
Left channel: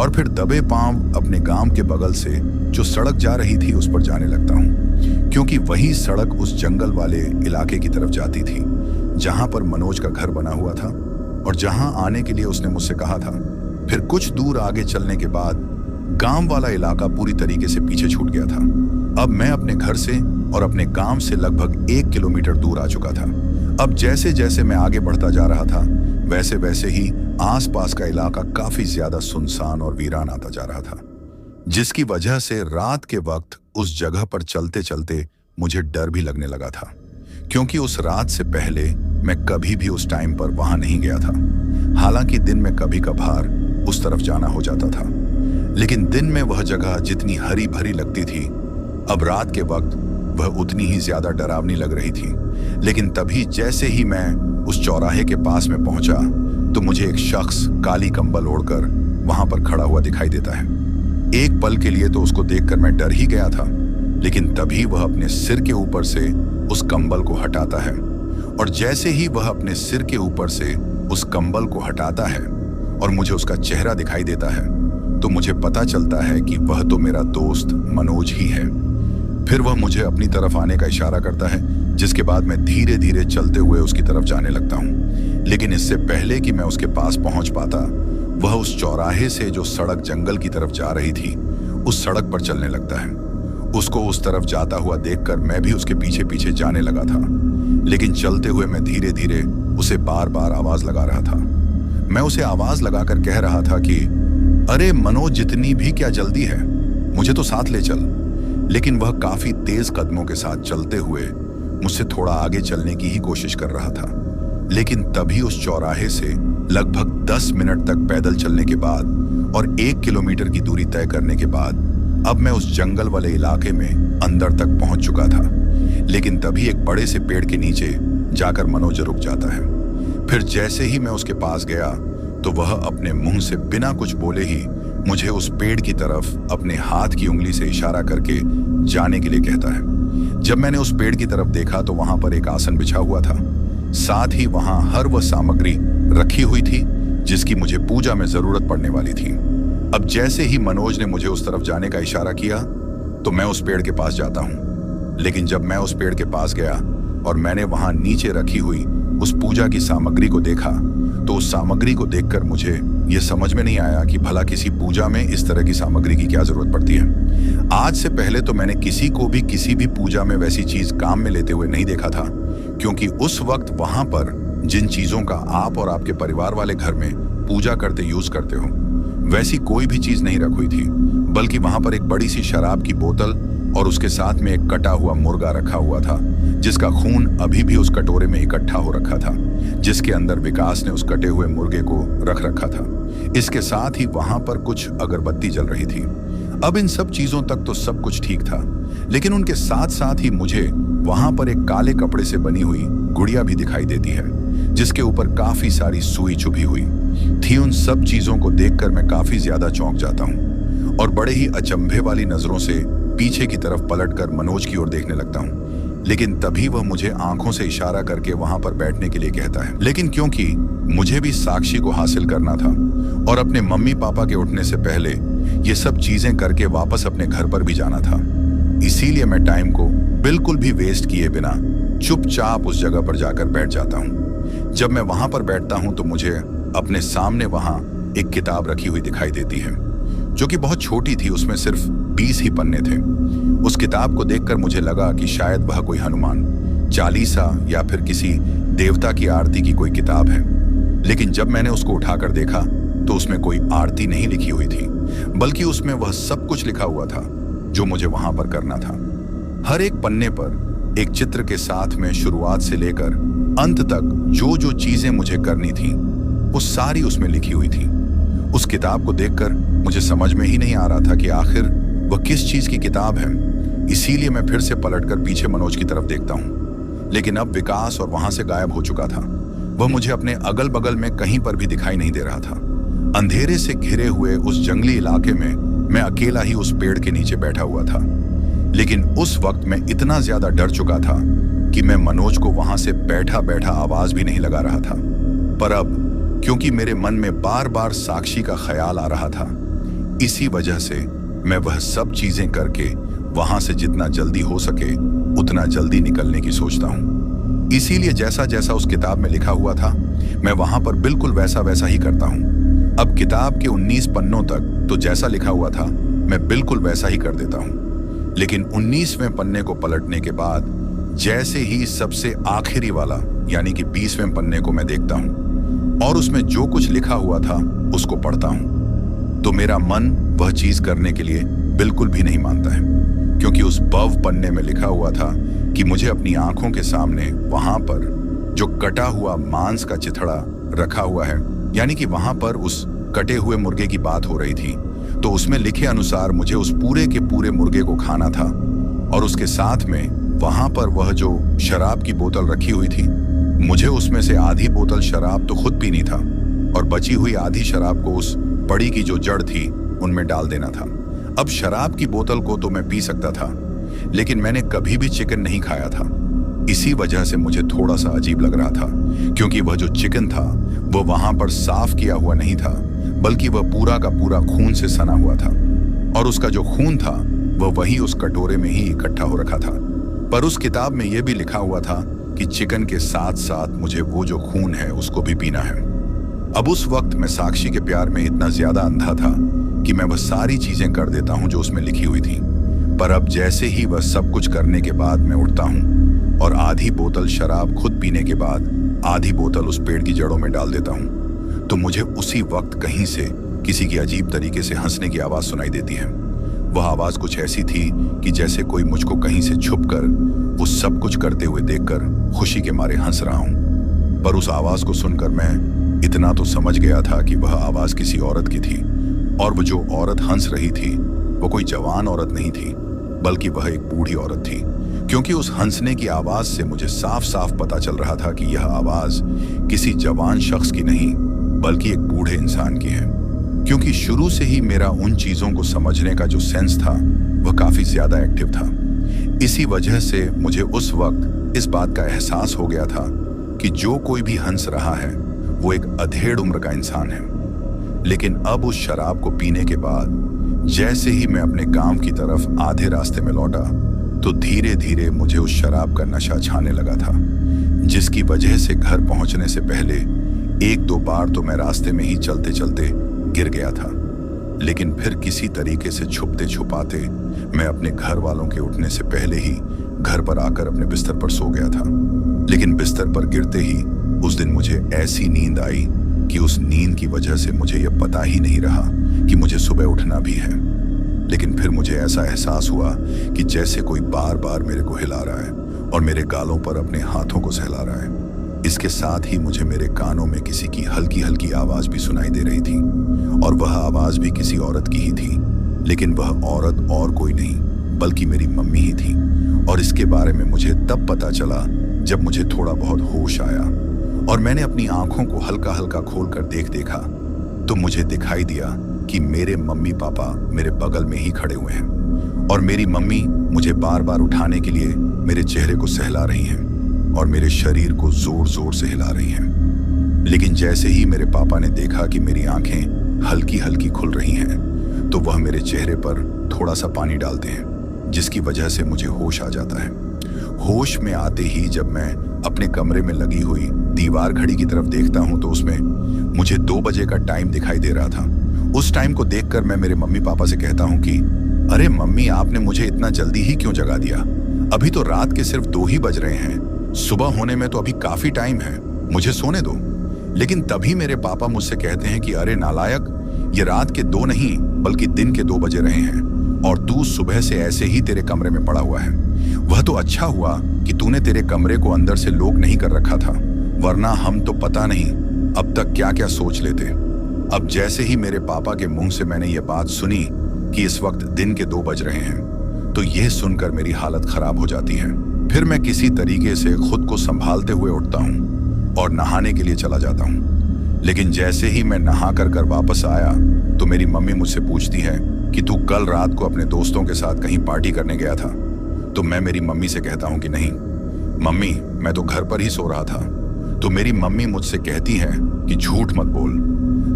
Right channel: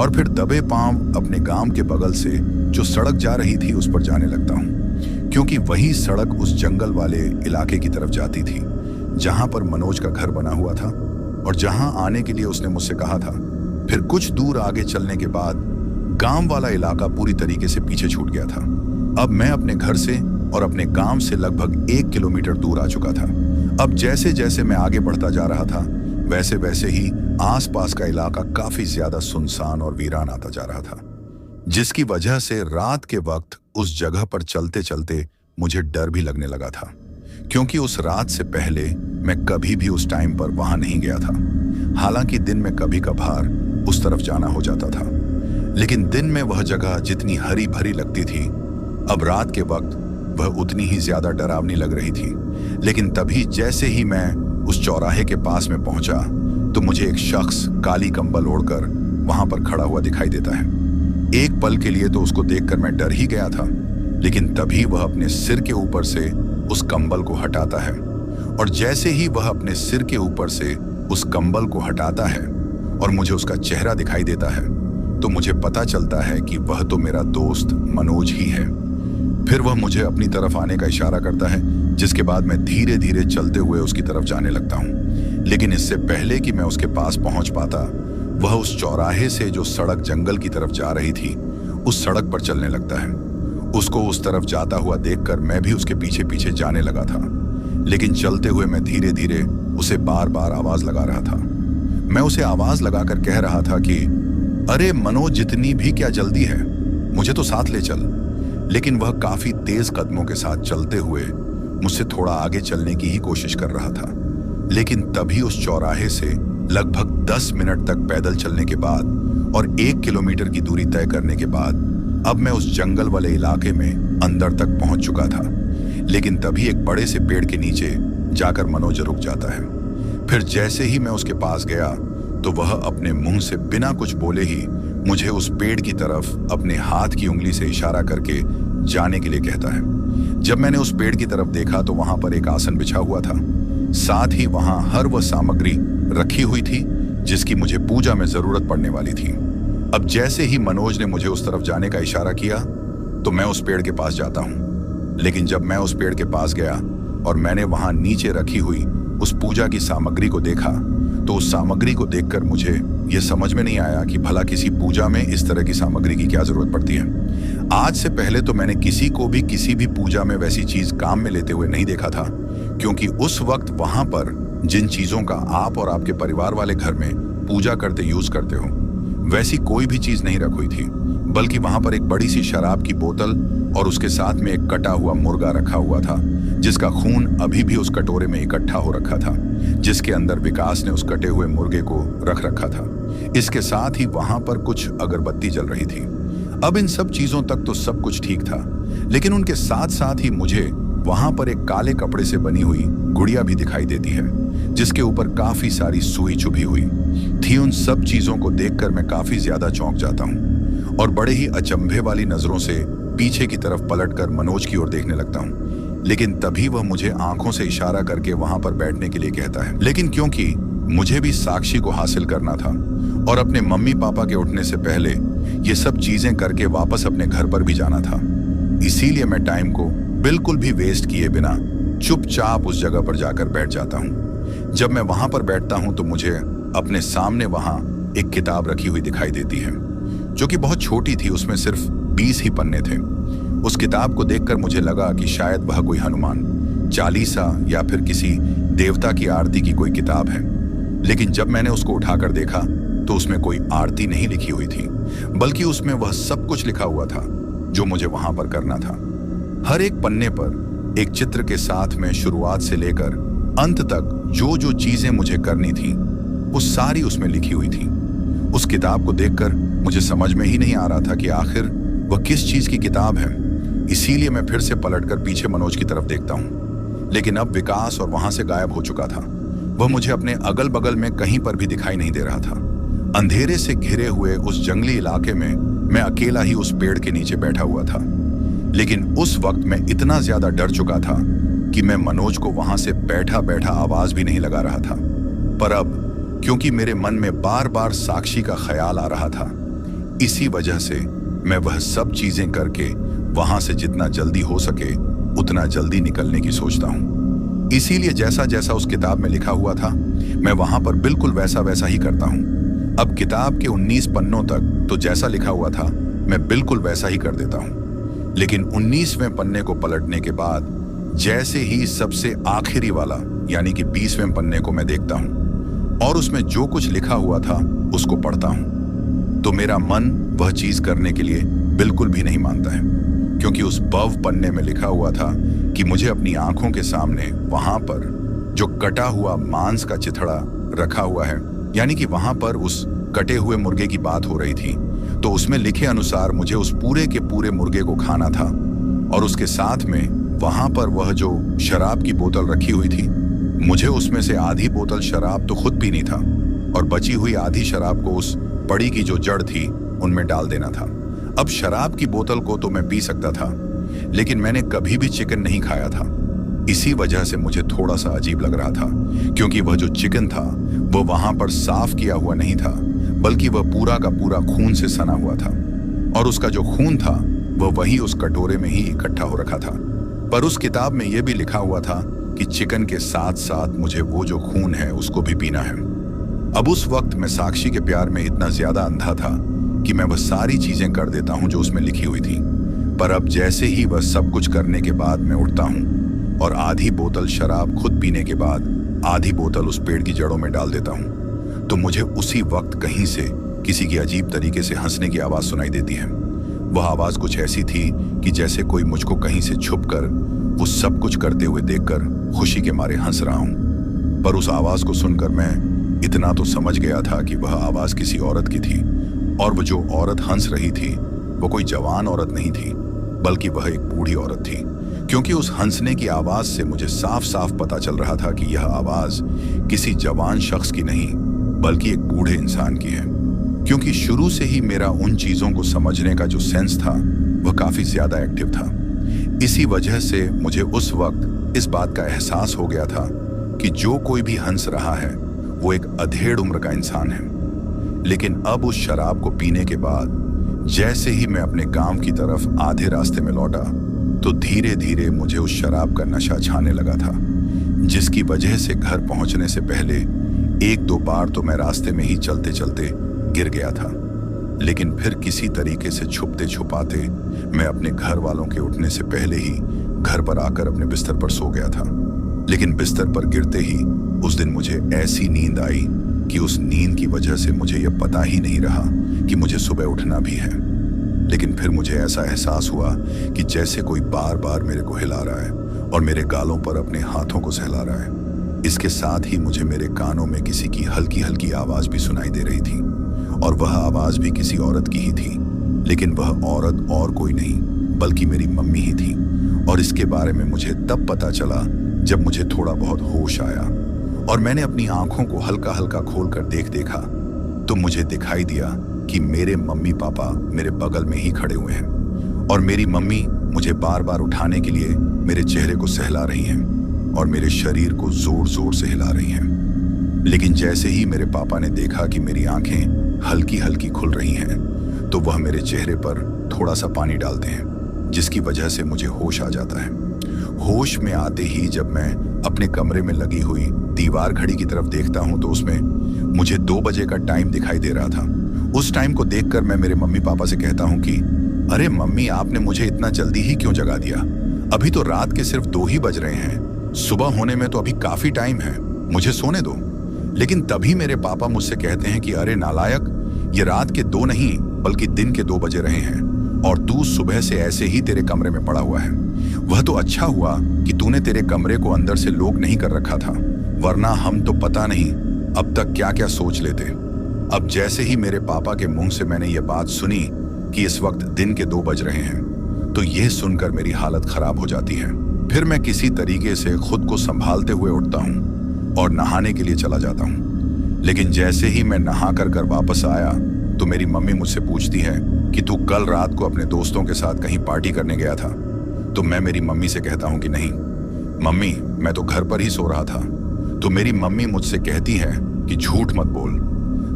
और फिर दबे पांव अपने गांव के बगल से जो सड़क जा रही थी उस पर जाने लगता हूं, क्योंकि वही सड़क उस जंगल वाले इलाके की तरफ जाती थी जहां पर मनोज का घर बना हुआ था और जहां आने के लिए उसने मुझसे कहा था। फिर कुछ दूर आगे चलने के बाद गांव वाला इलाका पूरी तरीके से पीछे छूट गया था। अब मैं अपने घर से और अपने गांव से लगभग 1 किलोमीटर दूर आ चुका था। अब जैसे जैसे मैं आगे बढ़ता जा रहा था वैसे वैसे ही आसपास का इलाका काफी ज्यादा सुनसान और वीरान आता जा रहा था, जिसकी वजह से रात के वक्त उस जगह पर चलते चलते मुझे डर भी लगने लगा था, क्योंकि उस रात से पहले मैं कभी भी उस टाइम पर वहां नहीं गया था। हालांकि दिन में कभी कभार उस तरफ जाना हो जाता था, लेकिन दिन में वह जगह जितनी हरी भरी लगती थी, अब रात के वक्त वह उतनी ही ज्यादा डरावनी लग रही थी। लेकिन तभी जैसे ही मैं उस चौराहे के पास में पहुंचा तो मुझे एक शख्स काली कंबल ओढ़कर वहां पर खड़ा हुआ दिखाई देता है। एक पल के लिए तो उसको देखकर मैं डर ही गया था, लेकिन तभी वह अपने सिर के ऊपर से उस कंबल को हटाता है, और जैसे ही वह अपने सिर के ऊपर से उस कंबल को हटाता है और मुझे उसका चेहरा दिखाई देता है, तो मुझे पता चलता है कि वह तो मेरा दोस्त मनोज ही है। फिर वह मुझे अपनी तरफ आने का इशारा करता है, जिसके बाद मैं धीरे धीरे चलते हुए उसकी तरफ जाने लगता हूँ। लेकिन इससे पहले कि मैं उसके पास पहुंच पाता, वह उस चौराहे से जो सड़क जंगल की तरफ जा रही थी, उस सड़क पर चलने लगता है। उसको उस तरफ जाता हुआ देखकर मैं भी उसके पीछे पीछे जाने लगा था, लेकिन चलते हुए मैं धीरे धीरे उसे बार बार आवाज लगा रहा था। मैं उसे आवाज लगाकर कह रहा था कि अरे मनोज, जितनी भी क्या जल्दी है, मुझे तो साथ ले चल। लेकिन वह काफी तेज कदमों के साथ चलते हुए मुझसे थोड़ा आगे चलने की ही कोशिश कर रहा था। लेकिन तभी उस चौराहे से लगभग 10 मिनट तक पैदल चलने के बाद और 1 किलोमीटर की दूरी तय करने के बाद अब मैं उस जंगल वाले इलाके में अंदर तक पहुंच चुका था। लेकिन तभी एक बड़े से पेड़ के नीचे जाकर मनोज रुक जाता है। फिर जैसे ही मैं उसके पास गया तो वह अपने मुंह से बिना कुछ बोले ही मुझे उस पेड़ की तरफ अपने हाथ की उंगली से इशारा करके जाने के लिए कहता है। जब मैंने उस पेड़ की तरफ देखा तो वहां पर एक आसन बिछा हुआ था, साथ ही वहां हर वह सामग्री रखी हुई थी जिसकी मुझे पूजा में जरूरत पड़ने वाली थी। अब जैसे ही मनोज ने मुझे उस तरफ जाने का इशारा किया तो मैं उस पेड़ के पास जाता हूं। लेकिन जब मैं उस पेड़ के पास गया और मैंने वहां नीचे रखी हुई उस पूजा की सामग्री को देखा, तो उस सामग्री को देखकर मुझे यह समझ में नहीं आया कि भला किसी पूजा में इस तरह की सामग्री की क्या जरूरत पड़ती है। आज से पहले तो मैंने किसी को भी किसी भी पूजा में वैसी चीज काम में लेते हुए नहीं देखा था, क्योंकि उस वक्त वहां पर जिन चीजों का आप और आपके परिवार वाले घर में पूजा करते यूज करते हो, वैसी कोई भी चीज नहीं रखी हुई थी, बल्कि वहां पर एक बड़ी सी शराब की बोतल और उसके साथ में एक कटा हुआ मुर्गा रखा हुआ था, जिसका खून अभी भी उस कटोरे में इकट्ठा हो रखा था, जिसके अंदर विकास ने उस कटे हुए मुर्गे को रख रखा था। इसके साथ ही वहां पर कुछ अगरबत्ती जल रही थी। अब इन सब चीजों तक तो सब कुछ ठीक था, लेकिन उनके साथ साथ ही मुझे वहां पर एक काले कपड़े से बनी हुई गुड़िया भी दिखाई देती है, जिसके ऊपर काफी सारी सुई चुभी हुई थी। उन सब चीजों को देखकर मैं काफी ज्यादा चौंक जाता हूँ और बड़े ही अचंभे वाली नजरों से पीछे की तरफ पलटकर मनोज की ओर देखने लगता हूँ। लेकिन तभी वह मुझे आंखों से इशारा करके वहां पर बैठने के लिए कहता है। लेकिन क्योंकि मुझे भी साक्षी को हासिल करना था और अपने मम्मी पापा के उठने से पहले ये सब चीजें करके वापस अपने घर पर भी जाना था, इसीलिए मैं टाइम को बिल्कुल भी वेस्ट किए बिना चुपचाप उस जगह पर जाकर बैठ जाता हूँ। जब मैं वहां पर बैठता हूँ तो मुझे अपने सामने वहां एक किताब रखी हुई दिखाई देती है, जो कि बहुत छोटी थी। उसमें सिर्फ 20 ही पन्ने थे। उस किताब को देखकर मुझे लगा कि शायद वह कोई हनुमान चालीसा या फिर किसी देवता की आरती की कोई किताब है। लेकिन जब मैंने उसको उठाकर देखा तो उसमें कोई आरती नहीं लिखी हुई थी, बल्कि उसमें वह सब कुछ लिखा हुआ था जो मुझे वहां पर करना था। हर एक पन्ने पर एक चित्र के साथ में शुरुआत से लेकर अंत तक जो जो चीजें मुझे करनी थी वो सारी उसमें लिखी हुई थी। उस किताब को देखकर मुझे समझ में ही नहीं आ रहा था कि आखिर वह किस चीज की किताब है। इसीलिए मैं फिर से पलटकर पीछे मनोज की तरफ देखता हूँ, लेकिन अब विकास और वहां से गायब हो चुका था। वह मुझे अपने अगल बगल में कहीं पर भी दिखाई नहीं दे रहा था। अंधेरे से घिरे हुए उस जंगली इलाके में मैं अकेला ही उस पेड़ के नीचे बैठा हुआ था। लेकिन उस वक्त मैं इतना ज्यादा डर चुका था कि मैं मनोज को वहां से बैठा बैठा आवाज भी नहीं लगा रहा था। पर अब क्योंकि मेरे मन में बार बार साक्षी का ख्याल आ रहा था, इसी वजह से मैं वह सब चीजें करके वहां से जितना जल्दी हो सके उतना जल्दी निकलने की सोचता हूँ। इसीलिए जैसा जैसा उस किताब में लिखा हुआ था मैं वहां पर बिल्कुल वैसा वैसा ही करता हूँ। अब किताब के 19 पन्नों तक तो जैसा लिखा हुआ था मैं बिल्कुल वैसा ही कर देता हूँ। लेकिन 19वें पन्ने को पलटने के बाद जैसे ही सबसे आखिरी वाला यानी कि 20वें पन्ने को मैं देखता हूँ, और उसमें जो कुछ लिखा हुआ था उसको पढ़ता हूं तो मेरा मन वह चीज करने के लिए बिल्कुल भी नहीं मानता है, क्योंकि उस बव पन्ने में लिखा हुआ था कि मुझे अपनी आंखों के सामने वहां पर जो कटा हुआ मांस का चिथड़ा रखा हुआ है, यानी कि वहां पर उस कटे हुए मुर्गे की बात हो रही थी, तो उसमें लिखे अनुसार मुझे उस पूरे के पूरे मुर्गे को खाना था। और उसके साथ में वहां पर वह जो शराब की बोतल रखी हुई थी, मुझे उसमें से आधी बोतल शराब तो खुद पीनी था और बची हुई आधी शराब को उस पड़ी की जो जड़ थी उनमें डाल देना था। अब शराब की बोतल को तो मैं पी सकता था, लेकिन मैंने कभी भी चिकन नहीं खाया था। इसी वजह से मुझे थोड़ा सा अजीब लग रहा था, क्योंकि वह जो चिकन था वह वहां पर साफ किया हुआ नहीं था, बल्कि वह पूरा का पूरा खून से सना हुआ था। और उसका जो खून था वह वही उस कटोरे में ही इकट्ठा हो रखा था। पर उस किताब में यह भी लिखा हुआ था कि चिकन के साथ साथ मुझे वो जो खून है उसको भी पीना है। अब उस वक्त मैं साक्षी के प्यार में इतना ज्यादा अंधा था कि मैं वह सारी चीजें कर देता हूं जो उसमें लिखी हुई थी। पर अब जैसे ही वह सब कुछ करने के बाद मैं उठता हूं और आधी बोतल शराब खुद पीने के बाद आधी बोतल उस पेड़ की जड़ों में डाल देता हूं, तो मुझे उसी वक्त कहीं से किसी की अजीब तरीके से हंसने की आवाज सुनाई देती है। वह आवाज कुछ ऐसी थी कि जैसे कोई मुझको कहीं से छुपकर वो सब कुछ करते हुए देखकर खुशी के मारे हंस रहा हूं। पर उस आवाज को सुनकर मैं इतना तो समझ गया था कि वह आवाज किसी औरत की थी, और वो जो औरत हंस रही थी वो कोई जवान औरत नहीं थी, बल्कि वह एक बूढ़ी औरत थी, क्योंकि उस हंसने की आवाज से मुझे साफ साफ पता चल रहा था कि यह आवाज किसी जवान शख्स की नहीं बल्कि एक बूढ़े इंसान की है। क्योंकि शुरू से ही मेरा उन चीजों को समझने का जो सेंस था वह काफी ज्यादा एक्टिव था। इसी वजह से मुझे उस वक्त इस बात का एहसास हो गया था कि जो कोई भी हंस रहा है वो एक अधेड़ उम्र का इंसान है। लेकिन अब उस शराब को पीने के बाद जैसे ही मैं अपने गांव की तरफ आधे रास्ते में लौटा, तो धीरे धीरे मुझे उस शराब का नशा छाने लगा था, जिसकी वजह से घर पहुंचने से पहले एक दो बार तो मैं रास्ते में ही चलते चलते गिर गया था। लेकिन फिर किसी तरीके से छुपते छुपाते मैं अपने घर वालों के उठने से पहले ही घर पर आकर अपने बिस्तर पर सो गया था। लेकिन बिस्तर पर गिरते ही उस दिन मुझे ऐसी नींद आई कि उस नींद की वजह से मुझे यह पता ही नहीं रहा कि मुझे सुबह उठना भी है। लेकिन फिर मुझे ऐसा एहसास हुआ कि जैसे कोई बार बार मेरे को हिला रहा है और मेरे गालों पर अपने हाथों को सहला रहा है। इसके साथ ही मुझे मेरे कानों में किसी की हल्की हल्की आवाज भी सुनाई दे रही थी, और वह आवाज भी किसी औरत की ही थी। लेकिन वह औरत और कोई नहीं बल्कि मेरी मम्मी ही थी। और इसके बारे में मुझे तब पता चला जब मुझे थोड़ा बहुत होश आया और मैंने अपनी आंखों को हल्का हल्का खोलकर देखा, तो मुझे दिखाई दिया कि मेरे मम्मी पापा मेरे बगल में ही खड़े हुए हैं और मेरी मम्मी मुझे बार बार उठाने के लिए मेरे चेहरे को सहला रही हैं और मेरे शरीर को जोर जोर से हिला रही हैं। लेकिन जैसे ही मेरे पापा ने देखा कि मेरी आंखें हल्की हल्की खुल रही हैं, तो वह मेरे चेहरे पर थोड़ा सा पानी डालते हैं, जिसकी वजह से मुझे होश आ जाता है। होश में आते ही जब मैं अपने कमरे में लगी हुई दीवार घड़ी की तरफ देखता हूं, तो उसमें मुझे 2 बजे का टाइम दिखाई दे रहा था। उस टाइम को देखकर मैं मेरे मम्मी पापा से कहता हूं कि अरे मम्मी, आपने मुझे इतना जल्दी ही क्यों जगा दिया? अभी तो रात के सिर्फ 2 ही बज रहे हैं, सुबह होने में तो अभी काफी टाइम है, मुझे सोने दो। लेकिन तभी मेरे पापा मुझसे कहते हैं कि अरे नालायक, ये रात के 2 नहीं बल्कि दिन के 2 बजे रहे हैं और तू सुबह से ऐसे ही तेरे कमरे में पड़ा हुआ है। वह तो अच्छा हुआ कि तूने तेरे कमरे को अंदर से लॉक नहीं कर रखा था, वरना हम तो पता नहीं अब तक क्या क्या सोच लेते। अब जैसे ही मेरे पापा के मुंह से मैंने ये बात सुनी कि इस वक्त दिन के 2 बज रहे हैं, तो यह सुनकर मेरी हालत खराब हो जाती है। फिर मैं किसी तरीके से खुद को संभालते हुए उठता हूं और नहाने के लिए चला जाता हूं। लेकिन जैसे ही मैं नहा कर वापस आया, तो मेरी मम्मी मुझसे पूछती है कि तू कल रात को अपने दोस्तों के साथ कहीं पार्टी करने गया था? तो मैं मेरी मम्मी से कहता हूं कि नहीं मम्मी, मैं तो घर पर ही सो रहा था। तो मेरी मम्मी मुझसे कहती है कि झूठ मत बोल,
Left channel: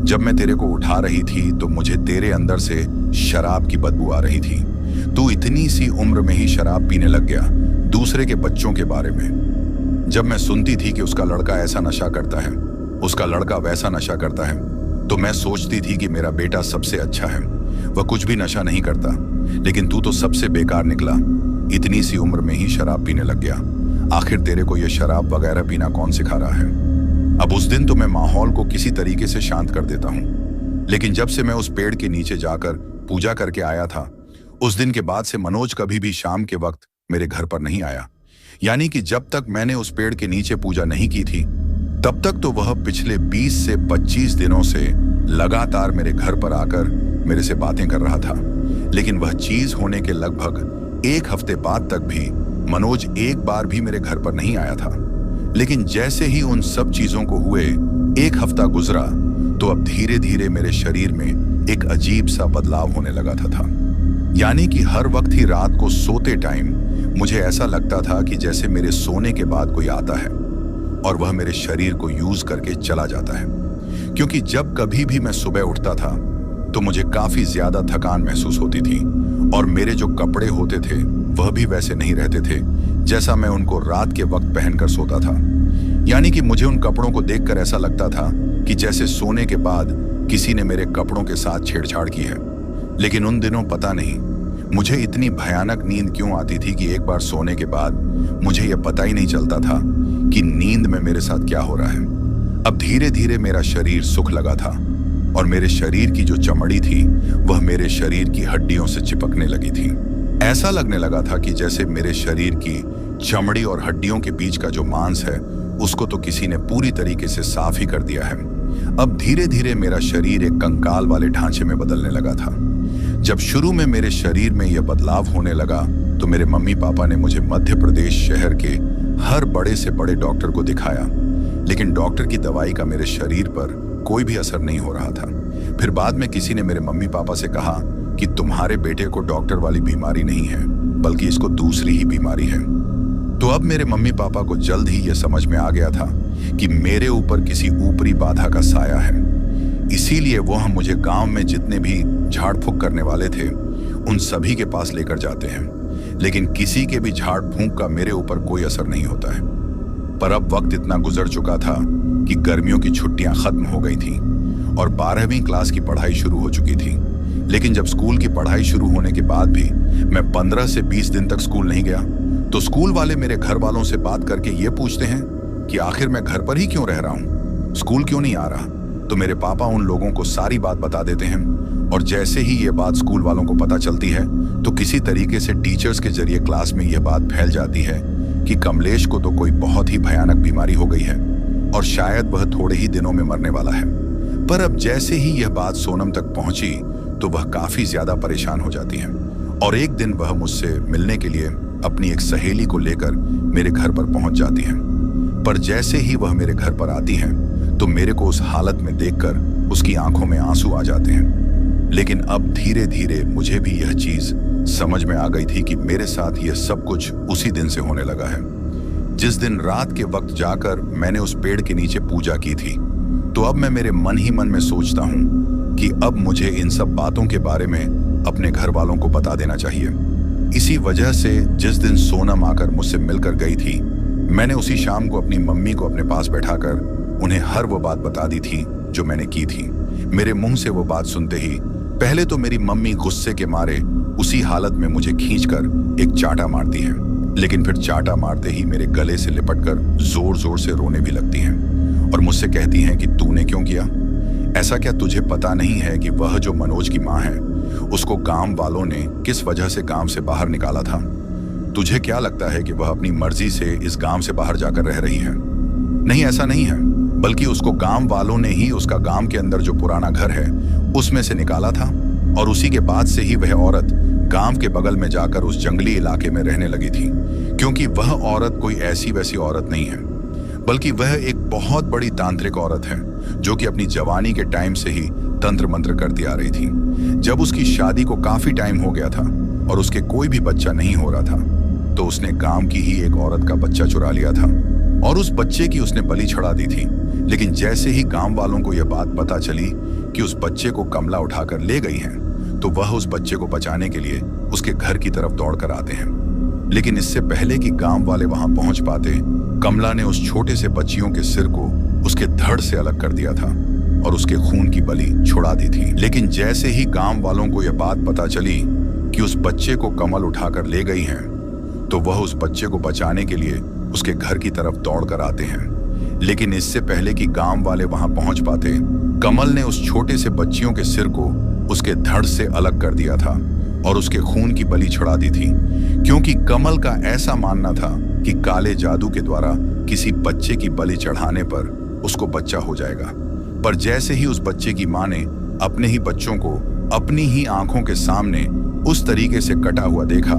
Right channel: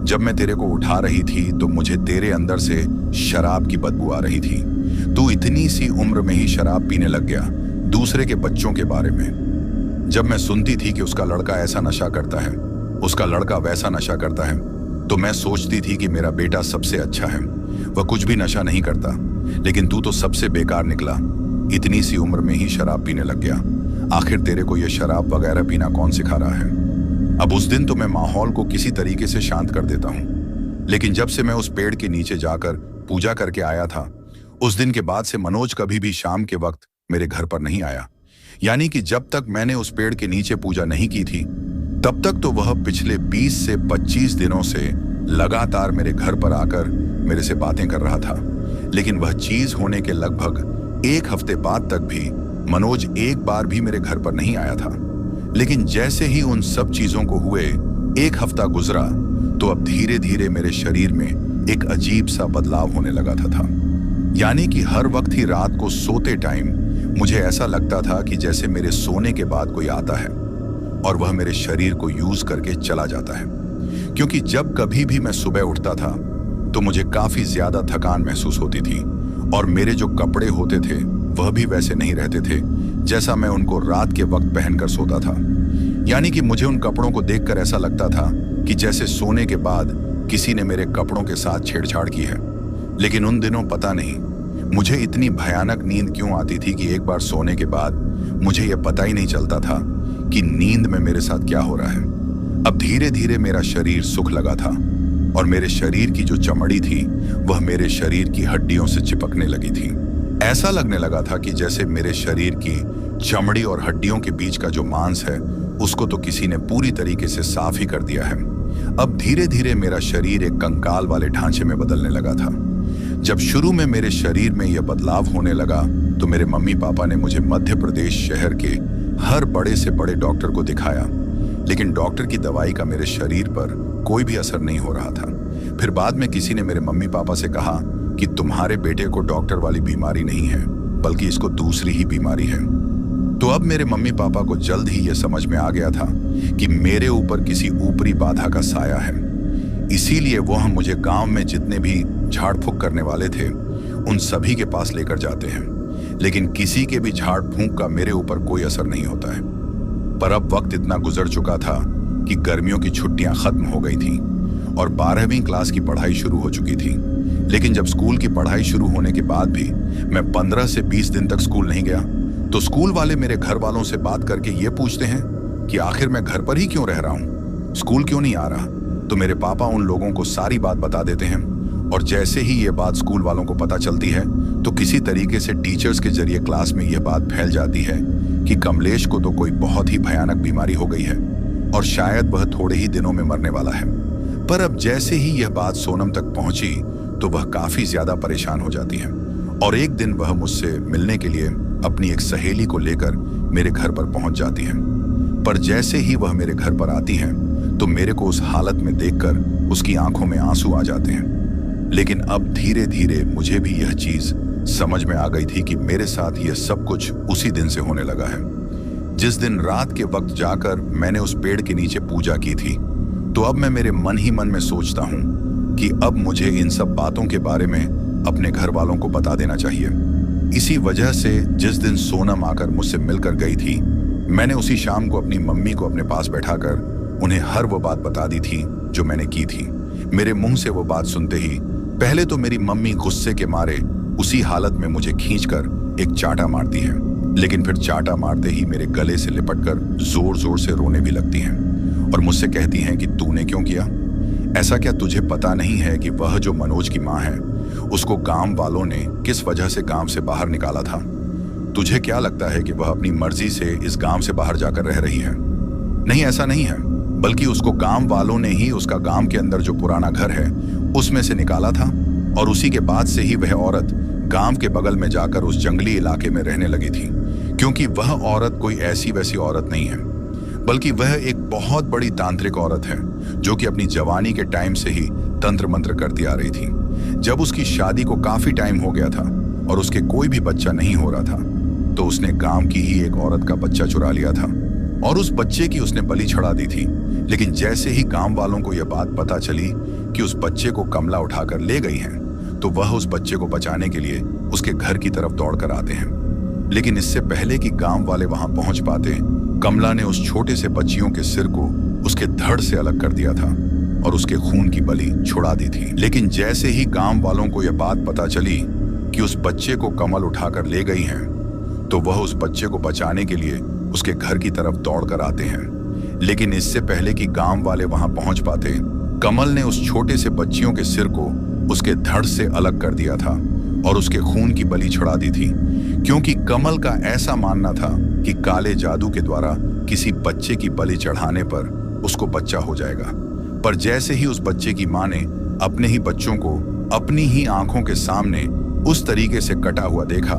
जब मैं तेरे को उठा रही थी तो मुझे तेरे अंदर से शराब की बदबू आ रही थी। तू इतनी सी उम्र में ही शराब पीने लग गया, दूसरे के बच्चों के बारे में। जब मैं सुनती थी कि उसका लड़का ऐसा नशा करता है, उसका लड़का वैसा नशा करता है, तो मैं सोचती थी कि मेरा बेटा सबसे अच्छा है, वह कुछ भी नशा नहीं करता। लेकिन तू तो सबसे बेकार निकला, इतनी सी उम्र में ही शराब पीने लग गया। आखिर तेरे को यह शराब वगैरह पीना कौन सिखा रहा है? अब उस दिन तो मैं माहौल को किसी तरीके से शांत कर देता हूँ, लेकिन जब से मैं उस पेड़ के नीचे जाकर पूजा करके आया था, उस दिन के बाद से मनोज कभी भी शाम के वक्त मेरे घर पर नहीं आया। यानी कि जब तक मैंने उस पेड़ के नीचे पूजा नहीं की थी, तब तक तो वह पिछले 20 से 25 दिनों से लगातार मेरे घर पर आकर मेरे से बातें कर रहा था। लेकिन वह चीज होने के लगभग 1 हफ्ते बाद तक भी मनोज एक बार भी मेरे घर पर नहीं आया था। लेकिन जैसे ही उन सब चीजों को हुए 1 हफ्ता गुजरा, तो अब धीरे धीरे मेरे शरीर में एक अजीब सा बदलाव होने लगा था। यानी कि हर वक्त ही रात को सोते टाइम मुझे ऐसा लगता था कि जैसे मेरे सोने के बाद कोई आता है और वह मेरे शरीर को यूज करके चला जाता है। क्योंकि जब कभी भी मैं सुबह उठता था तो मुझे काफी ज्यादा थकान महसूस होती थी, और मेरे जो कपड़े होते थे वह भी वैसे नहीं रहते थे जैसा मैं उनको रात के वक्त पहनकर सोता था। यानी कि मुझे उन कपड़ों को देखकर ऐसा लगता था कि जैसे सोने के बाद किसी ने मेरे कपड़ों के साथ छेड़छाड़ की है। लेकिन उन दिनों पता नहीं मुझे इतनी भयानक नींद क्यों आती थी कि एक बार सोने के बाद मुझे यह पता ही नहीं चलता था कि नींद में मेरे साथ क्या हो रहा है। अब धीरे धीरे मेरा शरीर सुख लगा था, और मेरे शरीर की जो चमड़ी थी वह मेरे शरीर की हड्डियों से चिपकने लगी थी। ऐसा लगने लगा था कि जैसे मेरे शरीर की चमड़ी और हड्डियों के बीच का जो मांस है उसको तो किसी ने पूरी तरीके से साफ ही कर दिया है। अब धीरे धीरे मेरा शरीर एक कंकाल वाले ढांचे में बदलने लगा था। जब शुरू में मेरे शरीर में यह बदलाव होने लगा तो मेरे मम्मी पापा ने मुझे मध्य प्रदेश शहर के हर बड़े से बड़े डॉक्टर को दिखाया, लेकिन डॉक्टर की दवाई का मेरे शरीर पर कोई भी असर नहीं हो रहा था। फिर बाद में किसी ने मेरे मम्मी पापा से कहा कि तुम्हारे बेटे को डॉक्टर वाली बीमारी नहीं है, बल्कि इसको दूसरी ही बीमारी है। तो अब मेरे मम्मी पापा को जल्द ही यह समझ में आ गया था कि मेरे ऊपर किसी ऊपरी बाधा का साया है। इसीलिए वह मुझे गांव में जितने भी झाड़ फूंक करने वाले थे उन सभी के पास लेकर जाते हैं, लेकिन किसी के भी झाड़ फूंक का मेरे ऊपर कोई असर नहीं होता है। पर अब वक्त इतना गुजर चुका था कि गर्मियों की छुट्टियां खत्म हो गई थीं और 12वीं क्लास की पढ़ाई शुरू हो चुकी थी। लेकिन जब स्कूल की पढ़ाई शुरू होने के बाद भी मैं 15 से 20 दिन तक स्कूल नहीं गया, तो स्कूल वाले मेरे घर वालों से बात करके ये पूछते हैं कि आखिर मैं घर पर ही क्यों रह रहा हूँ, स्कूल क्यों नहीं आ रहा। तो मेरे पापा उन लोगों को सारी बात बता देते हैं, और जैसे ही ये बात स्कूल वालों को पता चलती है तो किसी तरीके से टीचर्स के जरिए क्लास में यह बात फैल जाती है कि कमलेश को तो कोई बहुत ही भयानक बीमारी हो गई है और शायद वह थोड़े ही दिनों में मरने वाला है। पर अब जैसे ही यह बात सोनम तक पहुंची तो वह काफी ज्यादा परेशान हो जाती है, और एक दिन वह मुझसे मिलने के लिए अपनी एक सहेली को लेकर मेरे घर पर पहुंच जाती है। पर जैसे ही वह मेरे घर पर आती हैं तो मेरे को उस हालत में देखकर उसकी आंखों में आंसू आ जाते हैं। लेकिन अब धीरे धीरे मुझे भी यह चीज समझ में आ गई थी कि मेरे साथ यह सब कुछ उसी दिन से होने लगा है, जिस दिन रात के वक्त जाकर मैंने उस पेड़ के नीचे पूजा की थी। तो अब मैं मेरे मन ही मन में सोचता हूं कि अब मुझे इन सब बातों के बारे में अपने घर वालों को बता देना चाहिए। इसी वजह से जिस दिन सोनम आकर मुझसे मिलकर गई थी, मैंने उसी शाम को अपनी मम्मी को अपने पास बैठाकर उन्हें हर वो बात बता दी थी जो मैंने की थी। मेरे मुंह से वो बात सुनते ही पहले तो मेरी मम्मी गुस्से के मारे उसी हालत में मुझे खींचकर एक चाटा मारती है, लेकिन फिर चाटा मारते ही मेरे गले से लिपटकर जोर जोर से रोने भी लगती हैं और मुझसे कहती हैं कि तूने क्यों किया ऐसा। क्या तुझे पता नहीं है कि वह जो मनोज की माँ है उसको गांव वालों ने किस वजह से गांव से बाहर निकाला था? तुझे क्या लगता है कि वह अपनी मर्जी से इस गांव से बाहर जाकर रह रही है? नहीं, ऐसा नहीं है, बल्कि उसको गांव वालों ने ही उसका गांव के अंदर जो पुराना घर है उसमें से निकाला था, और उसी के बाद से ही वह औरत गांव के बगल में जाकर उस जंगली इलाके में रहने लगी थी। क्योंकि वह औरत कोई ऐसी वैसी औरत नहीं है, बल्कि वह एक बहुत बड़ी तांत्रिक औरत है जो कि अपनी जवानी के टाइम से ही तंत्र मंत्र करती आ रही थी। जब उसकी शादी को काफी टाइम हो गया था और उसके कोई भी बच्चा नहीं हो रहा था, तो उसने गांव की ही एक औरत का बच्चा चुरा लिया था और उस बच्चे की उसने बलि चढ़ा दी थी। लेकिन जैसे ही गांव वालों को यह बात पता चली कि उस बच्चे को कमला उठाकर ले गई है, तो वह उस बच्चे को बचाने के लिए उसके घर की तरफ दौड़कर आते हैं। लेकिन इससे पहले कि गांव वाले वहां पहुंच पाते, कमला ने उस छोटे से बच्चियों के सिर को उसके धड़ से अलग कर दिया था और उसके खून की बलि छुड़ा दी थी। लेकिन जैसे ही गांव वालों को यह बात पता चली कि उस बच्चे को कमल उठाकर ले गई हैं, तो वह उस बच्चे को बचाने के लिए उसके घर की तरफ दौड़ कर आते हैं। लेकिन इससे पहले कि गांव वाले वहां पहुंच पाते, कमल ने उस छोटे से बच्चियों के सिर को उसके धड़ से अलग कर दिया था और उसके खून की बलि चढ़ा दी थी, क्योंकि कमल का ऐसा मानना था कि काले जादू के द्वारा किसी बच्चे की बलि चढ़ाने पर उसको बच्चा हो जाएगा। पर जैसे ही उस बच्चे की मां ने अपने ही बच्चों को अपनी ही आंखों के सामने उस तरीके से कटा हुआ देखा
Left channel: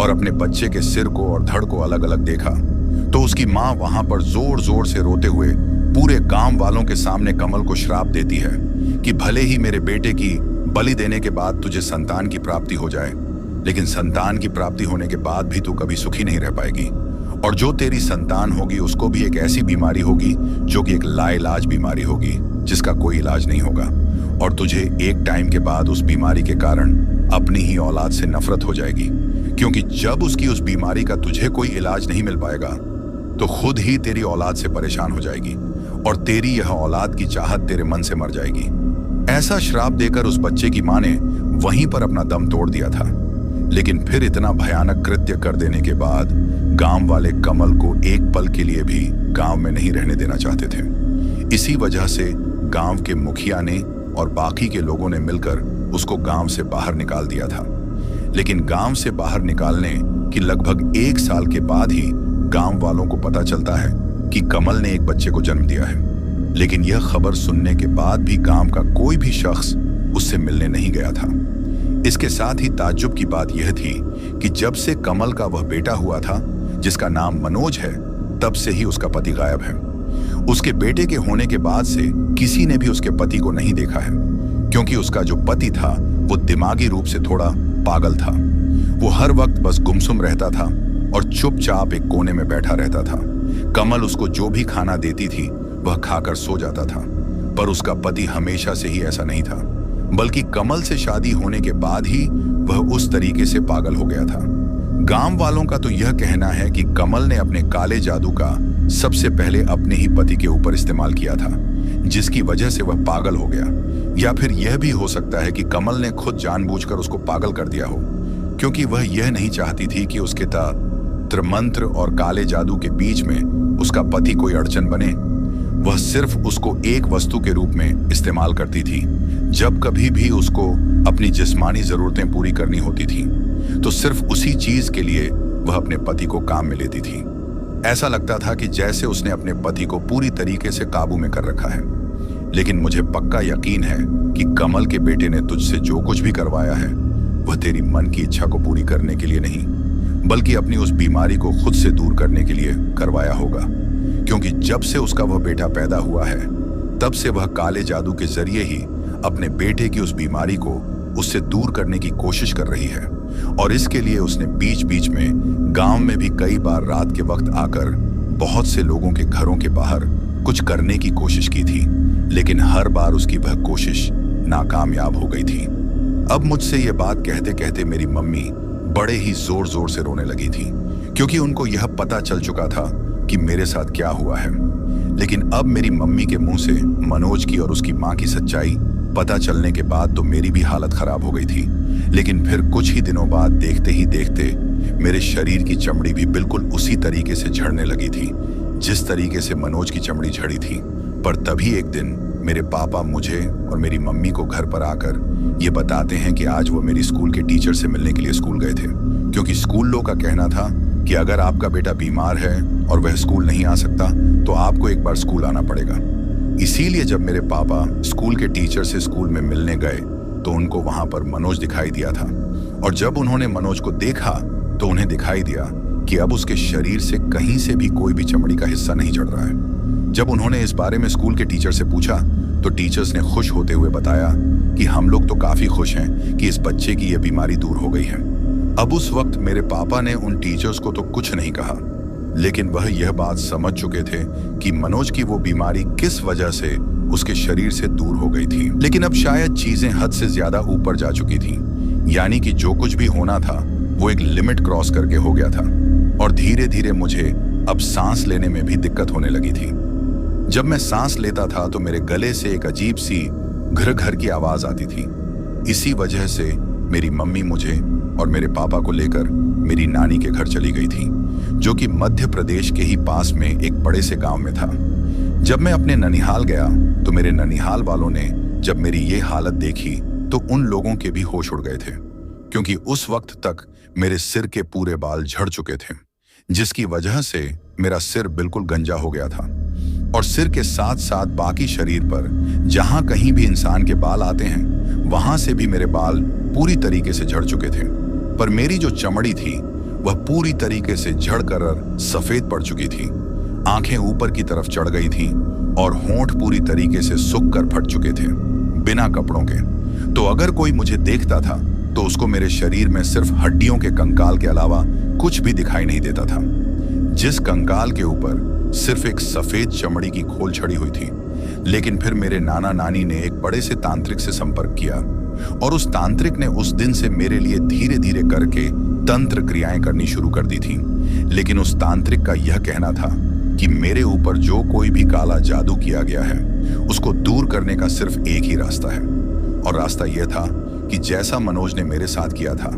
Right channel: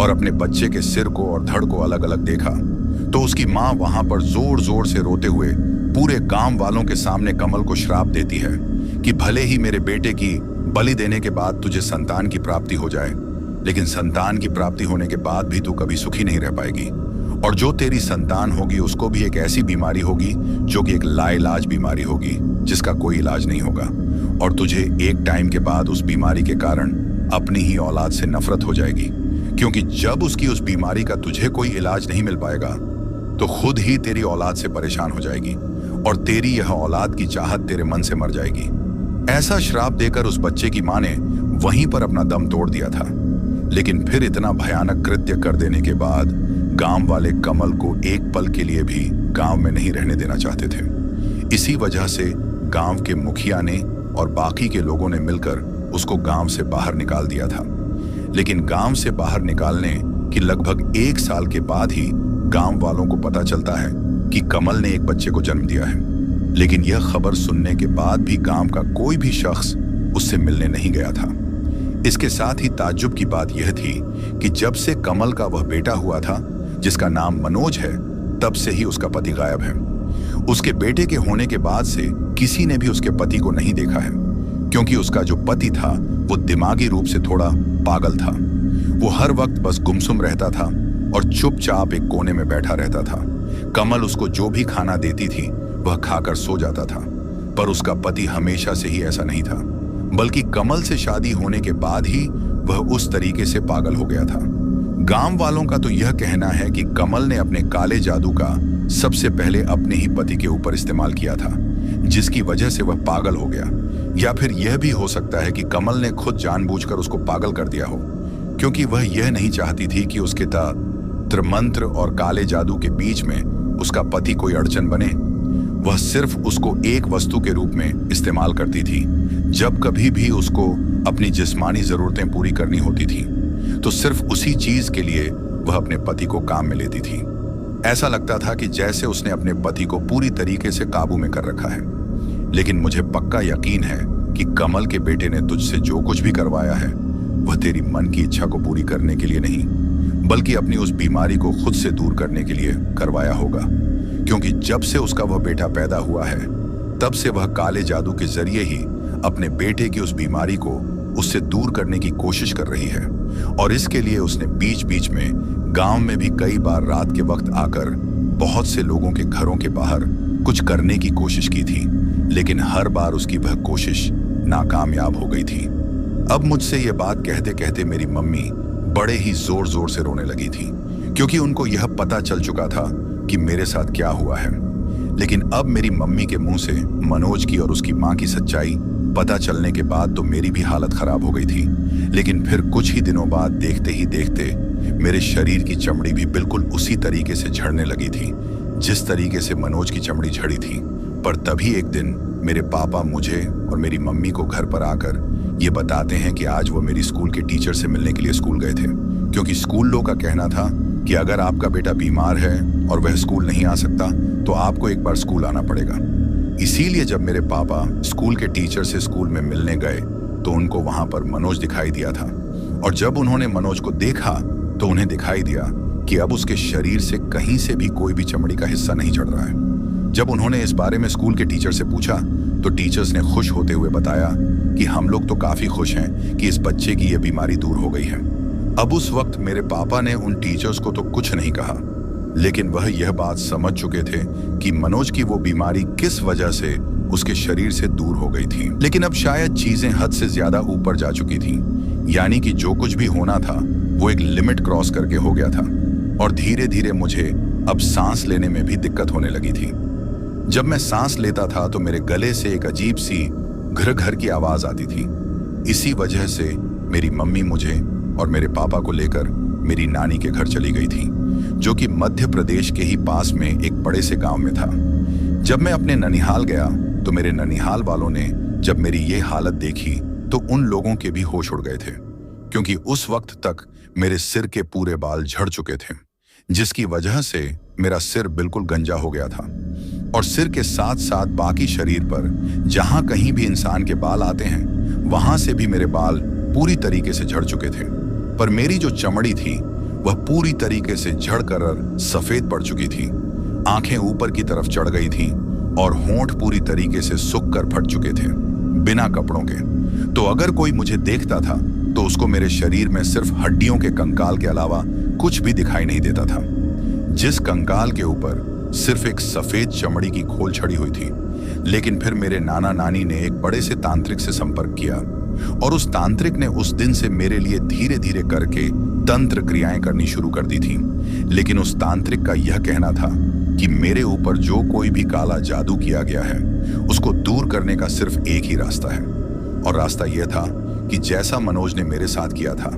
और अपने बच्चे के सिर को और धड़ को अलग अलग देखा, तो उसकी मां वहां पर जोर जोर से रोते हुए पूरे गांव वालों के सामने कमल को श्राप देती है कि भले ही मेरे बेटे की बलि देने के बाद तुझे संतान की प्राप्ति हो जाए, लेकिन संतान की प्राप्ति होने के बाद भी तू कभी सुखी नहीं रह पाएगी, और जो तेरी संतान होगी उसको भी एक ऐसी बीमारी होगी जो कि एक लाइलाज बीमारी होगी जिसका कोई इलाज नहीं होगा, और तुझे एक टाइम के बाद उस बीमारी के कारण अपनी ही औलाद से नफरत हो जाएगी, क्योंकि जब उसकी उस बीमारी का तुझे कोई इलाज नहीं मिल पाएगा तो खुद ही तेरी औलाद से परेशान हो जाएगी और तेरी यह औलाद की चाहत तेरे मन से मर जाएगी। ऐसा श्राप देकर उस बच्चे की मां ने वहीं पर अपना दम तोड़ दिया था। लेकिन फिर इतना भयानक कृत्य कर देने के बाद गांव वाले कमल को एक पल के लिए भी गांव में नहीं रहने देना चाहते थे। इसी वजह से गांव के मुखिया ने और बाकी के लोगों ने मिलकर उसको गांव से बाहर निकाल दिया था। लेकिन गांव से बाहर निकालने की लगभग 1 साल के बाद ही गांव वालों को पता चलता है कि कमल ने एक बच्चे को जन्म दिया है। लेकिन यह खबर सुनने के बाद भी गांव का कोई भी शख्स उससे मिलने नहीं गया था। इसके साथ ही ताज्जुब की बात यह थी कि जब से कमल का वह बेटा हुआ था जिसका नाम मनोज है, तब से ही उसका पति गायब है। उसके बेटे के होने के बाद से किसी ने भी उसके पति को नहीं देखा है, क्योंकि उसका जो पति था वो दिमागी रूप से थोड़ा पागल था। वो हर वक्त बस गुमसुम रहता था और चुपचाप एक कोने में बैठा रहता था। कमल उसको जो भी खाना देती थी वह खाकर सो जाता था, पर उसका पति हमेशा से ही ऐसा नहीं था, बल्कि कमल से शादी होने के बाद ही वह उस तरीके से पागल हो गया था। गांव वालों का तो यह कहना है कि कमल ने अपने काले जादू का सबसे पहले अपने ही पति के ऊपर इस्तेमाल किया था, जिसकी वजह से वह पागल हो गया। या फिर यह भी हो सकता है कि कमल ने खुद जानबूझकर उसको पागल कर दिया हो, क्योंकि वह यह नहीं चाहती थी कि उसके तंत्र मंत्र और काले जादू के बीच में उसका पति कोई अड़चन बने। वह सिर्फ उसको एक वस्तु के रूप में इस्तेमाल करती थी। जब कभी भी उसको अपनी जिस्मानी जरूरतें पूरी करनी होती थी तो सिर्फ उसी चीज के लिए वह अपने पति को काम में लेती थी। ऐसा लगता था कि जैसे उसने अपने पति को पूरी तरीके से काबू में कर रखा है। लेकिन मुझे पक्का यकीन है कि कमल के बेटे ने तुझसे जो कुछ भी करवाया है वह तेरी मन की इच्छा को पूरी करने के लिए नहीं, बल्कि अपनी उस बीमारी को खुद से दूर करने के लिए करवाया होगा। क्योंकि जब से उसका वह बेटा पैदा हुआ है, तब से वह काले जादू के जरिए ही अपने बेटे की उस बीमारी को उससे दूर करने की कोशिश कर रही है। और इसके लिए उसने बीच बीच में गांव में भी कई बार रात के वक्त आकर बहुत से लोगों के घरों के बाहर कुछ करने की कोशिश की थी, लेकिन हर बार उसकी वह कोशिश नाकामयाब हो गई थी। अब मुझसे यह बात कहते कहते मेरी मम्मी बड़े ही जोर जोर से रोने लगी थी, क्योंकि उनको यह पता चल चुका था कि मेरे साथ क्या हुआ है। लेकिन अब मेरी मम्मी के मुंह से मनोज की और उसकी मां की सच्चाई पता चलने के बाद तो मेरी भी हालत खराब हो गई थी। लेकिन फिर कुछ ही दिनों बाद देखते ही देखते मेरे शरीर की चमड़ी भी बिल्कुल उसी तरीके से झड़ने लगी थी जिस तरीके से मनोज की चमड़ी झड़ी थी। पर तभी एक दिन मेरे पापा मुझे और मेरी मम्मी को घर पर आकर ये बताते हैं कि आज वो मेरी स्कूल के टीचर से मिलने के लिए स्कूल गए थे, क्योंकि स्कूल लोग का कहना था कि अगर आपका बेटा बीमार है और वह स्कूल नहीं आ सकता तो आपको एक बार स्कूल आना पड़ेगा। इसीलिए जब मेरे पापा स्कूल के टीचर से स्कूल में मिलने गए तो उनको वहां पर मनोज दिखाई दिया था, और जब उन्होंने मनोज को देखा तो उन्हें दिखाई दिया कि अब उसके शरीर से कहीं से भी कोई भी चमड़ी का हिस्सा नहीं झड़ रहा है। जब उन्होंने इस बारे में स्कूल के टीचर से पूछा तो टीचर्स ने खुश होते हुए बताया कि हम लोग तो काफी खुश हैं कि इस बच्चे की यह बीमारी दूर हो गई है। अब उस वक्त मेरे पापा ने उन टीचर्स को तो कुछ नहीं कहा, लेकिन वह यह बात समझ चुके थे कि मनोज की वो बीमारी किस वजह से उसके शरीर से दूर हो गई थी। लेकिन अब शायद चीजें हद से ज्यादा ऊपर जा चुकी थी, यानी कि जो कुछ भी होना था वो एक लिमिट क्रॉस करके हो गया था, और धीरे धीरे मुझे अब सांस लेने में भी दिक्कत होने लगी थी। जब मैं सांस लेता था तो मेरे गले से एक अजीब सी घर घर की आवाज आती थी। इसी वजह से मेरी मम्मी मुझे और मेरे पापा को लेकर मेरी नानी के घर चली गई थी, जो कि मध्य प्रदेश के ही पास में एक बड़े से गांव में था। जब मैं अपने ननिहाल गया तो मेरे ननिहाल वालों ने जब मेरी ये हालत देखी तो उन लोगों के भी होश उड़ गए थे, क्योंकि उस वक्त तक मेरे सिर के पूरे बाल झड़ चुके थे, जिसकी वजह से मेरा सिर बिल्कुल गंजा हो गया था। और सिर के साथ साथ बाकी शरीर पर जहां कहीं भी इंसान के बाल आते हैं वहां से भी मेरे बाल पूरी तरीके से झड़ चुके थे। पर मेरी जो चमड़ी थी वह पूरी तरीके से झड़ कर सफेद पड़ चुकी थी। आंखें ऊपर की तरफ चढ़ गई थीं और होंठ पूरी तरीके से सूख कर फट चुके थे बिना कपड़ों के। तो अगर कोई मुझे देखता था तो उसको मेरे शरीर में सिर्फ हड्डियों के कंकाल के अलावा कुछ भी दिखाई नहीं देता था, जिस कंकाल के ऊपर सिर्फ एक सफेद चमड़ी की खोल छड़ी हुई थी। लेकिन फिर मेरे नाना नानी ने एक बड़े से तांत्रिक से संपर्क किया और उस तांत्रिक ने उस दिन से मेरे लिए धीरे धीरे करके तंत्र क्रियाएं करनी शुरू कर दी थी। लेकिन उस तांत्रिक का यह कहना था कि मेरे ऊपर जो कोई भी काला जादू किया गया है उसको दूर करने का सिर्फ एक ही रास्ता है, और रास्ता यह था कि जैसा मनोज ने मेरे साथ किया था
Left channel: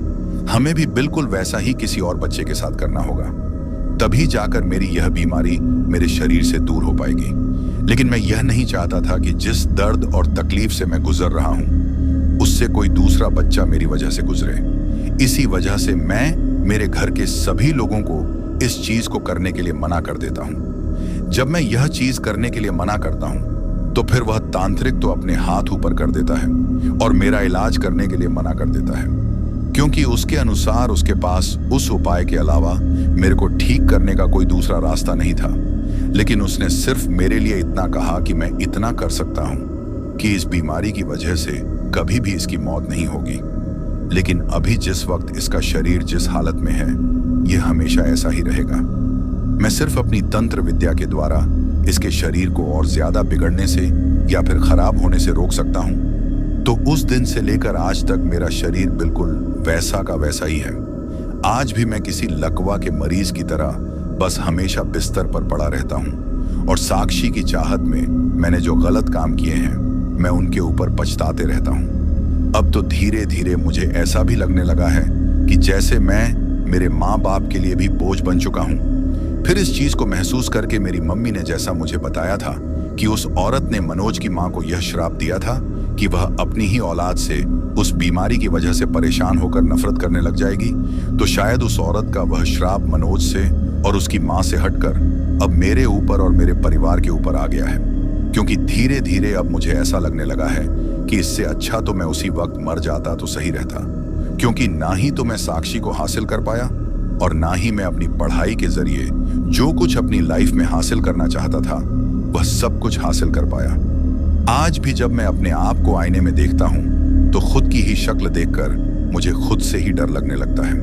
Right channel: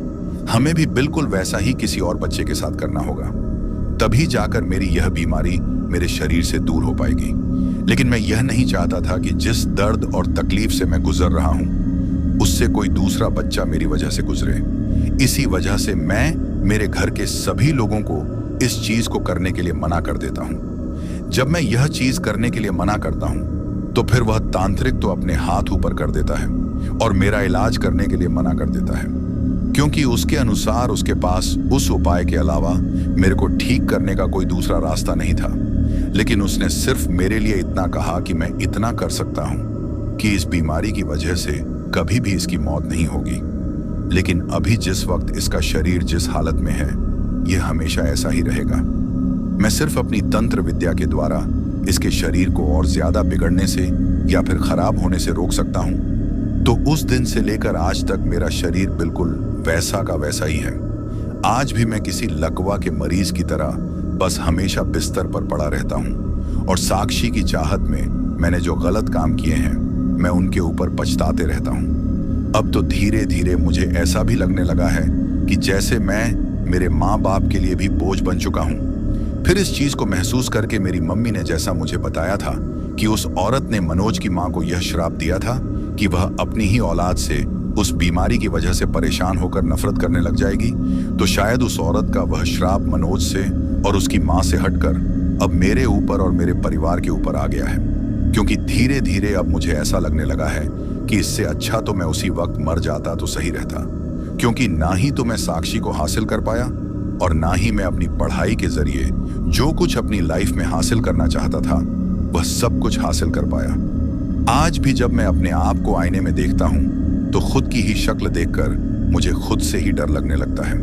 हमें भी बिल्कुल वैसा ही किसी और बच्चे के साथ करना होगा, तभी जाकर मेरी यह बीमारी मेरे शरीर से दूर हो पाएगी। लेकिन मैं यह नहीं चाहता था कि जिस दर्द और तकलीफ से मैं गुजर रहा हूं उससे कोई दूसरा बच्चा मेरी वजह से गुजरे। इसी वजह से मैं मेरे घर के सभी लोगों को इस चीज को करने के लिए मना कर देता हूं। जब मैं यह चीज करने के लिए मना करता हूं तो फिर वह तांत्रिक तो अपने हाथ ऊपर कर देता है और मेरा इलाज करने के लिए मना कर देता है, क्योंकि उसके अनुसार उसके पास उस उपाय के अलावा मेरे को ठीक करने का कोई दूसरा रास्ता नहीं था। लेकिन उसने सिर्फ मेरे लिए इतना कहा कि मैं इतना कर सकता हूं कि इस बीमारी की वजह से कभी भी इसकी मौत नहीं होगी। लेकिन अभी जिस वक्त इसका शरीर जिस हालत में है यह हमेशा ऐसा ही रहेगा। मैं सिर्फ अपनी तंत्र विद्या के द्वारा इसके शरीर को और ज्यादा बिगड़ने से या फिर खराब होने से रोक सकता हूं। तो उस दिन से लेकर आज तक मेरा शरीर बिल्कुल वैसा का वैसा ही है। आज भी मैं किसी लकवा के मरीज की तरह बस हमेशा बिस्तर पर पड़ा रहता हूं और साक्षी की चाहत में मैंने जो गलत काम किए हैं मैं उनके ऊपर पछताते रहता हूं। अब तो धीरे धीरे मुझे ऐसा भी लगने लगा है कि जैसे मैं मेरे माँ बाप के लिए भी बोझ बन चुका हूं। फिर इस चीज को महसूस करके मेरी मम्मी ने जैसा मुझे बताया था कि उस औरत ने मनोज की मां को यह श्राप दिया था कि वह अपनी ही औलाद से उस बीमारी की वजह से परेशान होकर नफरत करने लग जाएगी, तो शायद उस औरत का वह श्राप मनोज से और उसकी मां से हटकर अब मेरे ऊपर और मेरे परिवार के ऊपर आ गया है। क्योंकि धीरे धीरे अब मुझे ऐसा लगने लगा है कि इससे अच्छा तो मैं उसी वक्त मर जाता तो सही रहता, क्योंकि ना ही तो मैं साक्षी को हासिल कर पाया और ना ही मैं अपनी पढ़ाई के जरिए जो कुछ अपनी लाइफ में हासिल करना चाहता था वह सब कुछ हासिल कर पाया। आज भी जब मैं अपने आप को आईने में देखता हूं तो खुद की ही शक्ल देखकर मुझे खुद से ही डर लगने लगता है।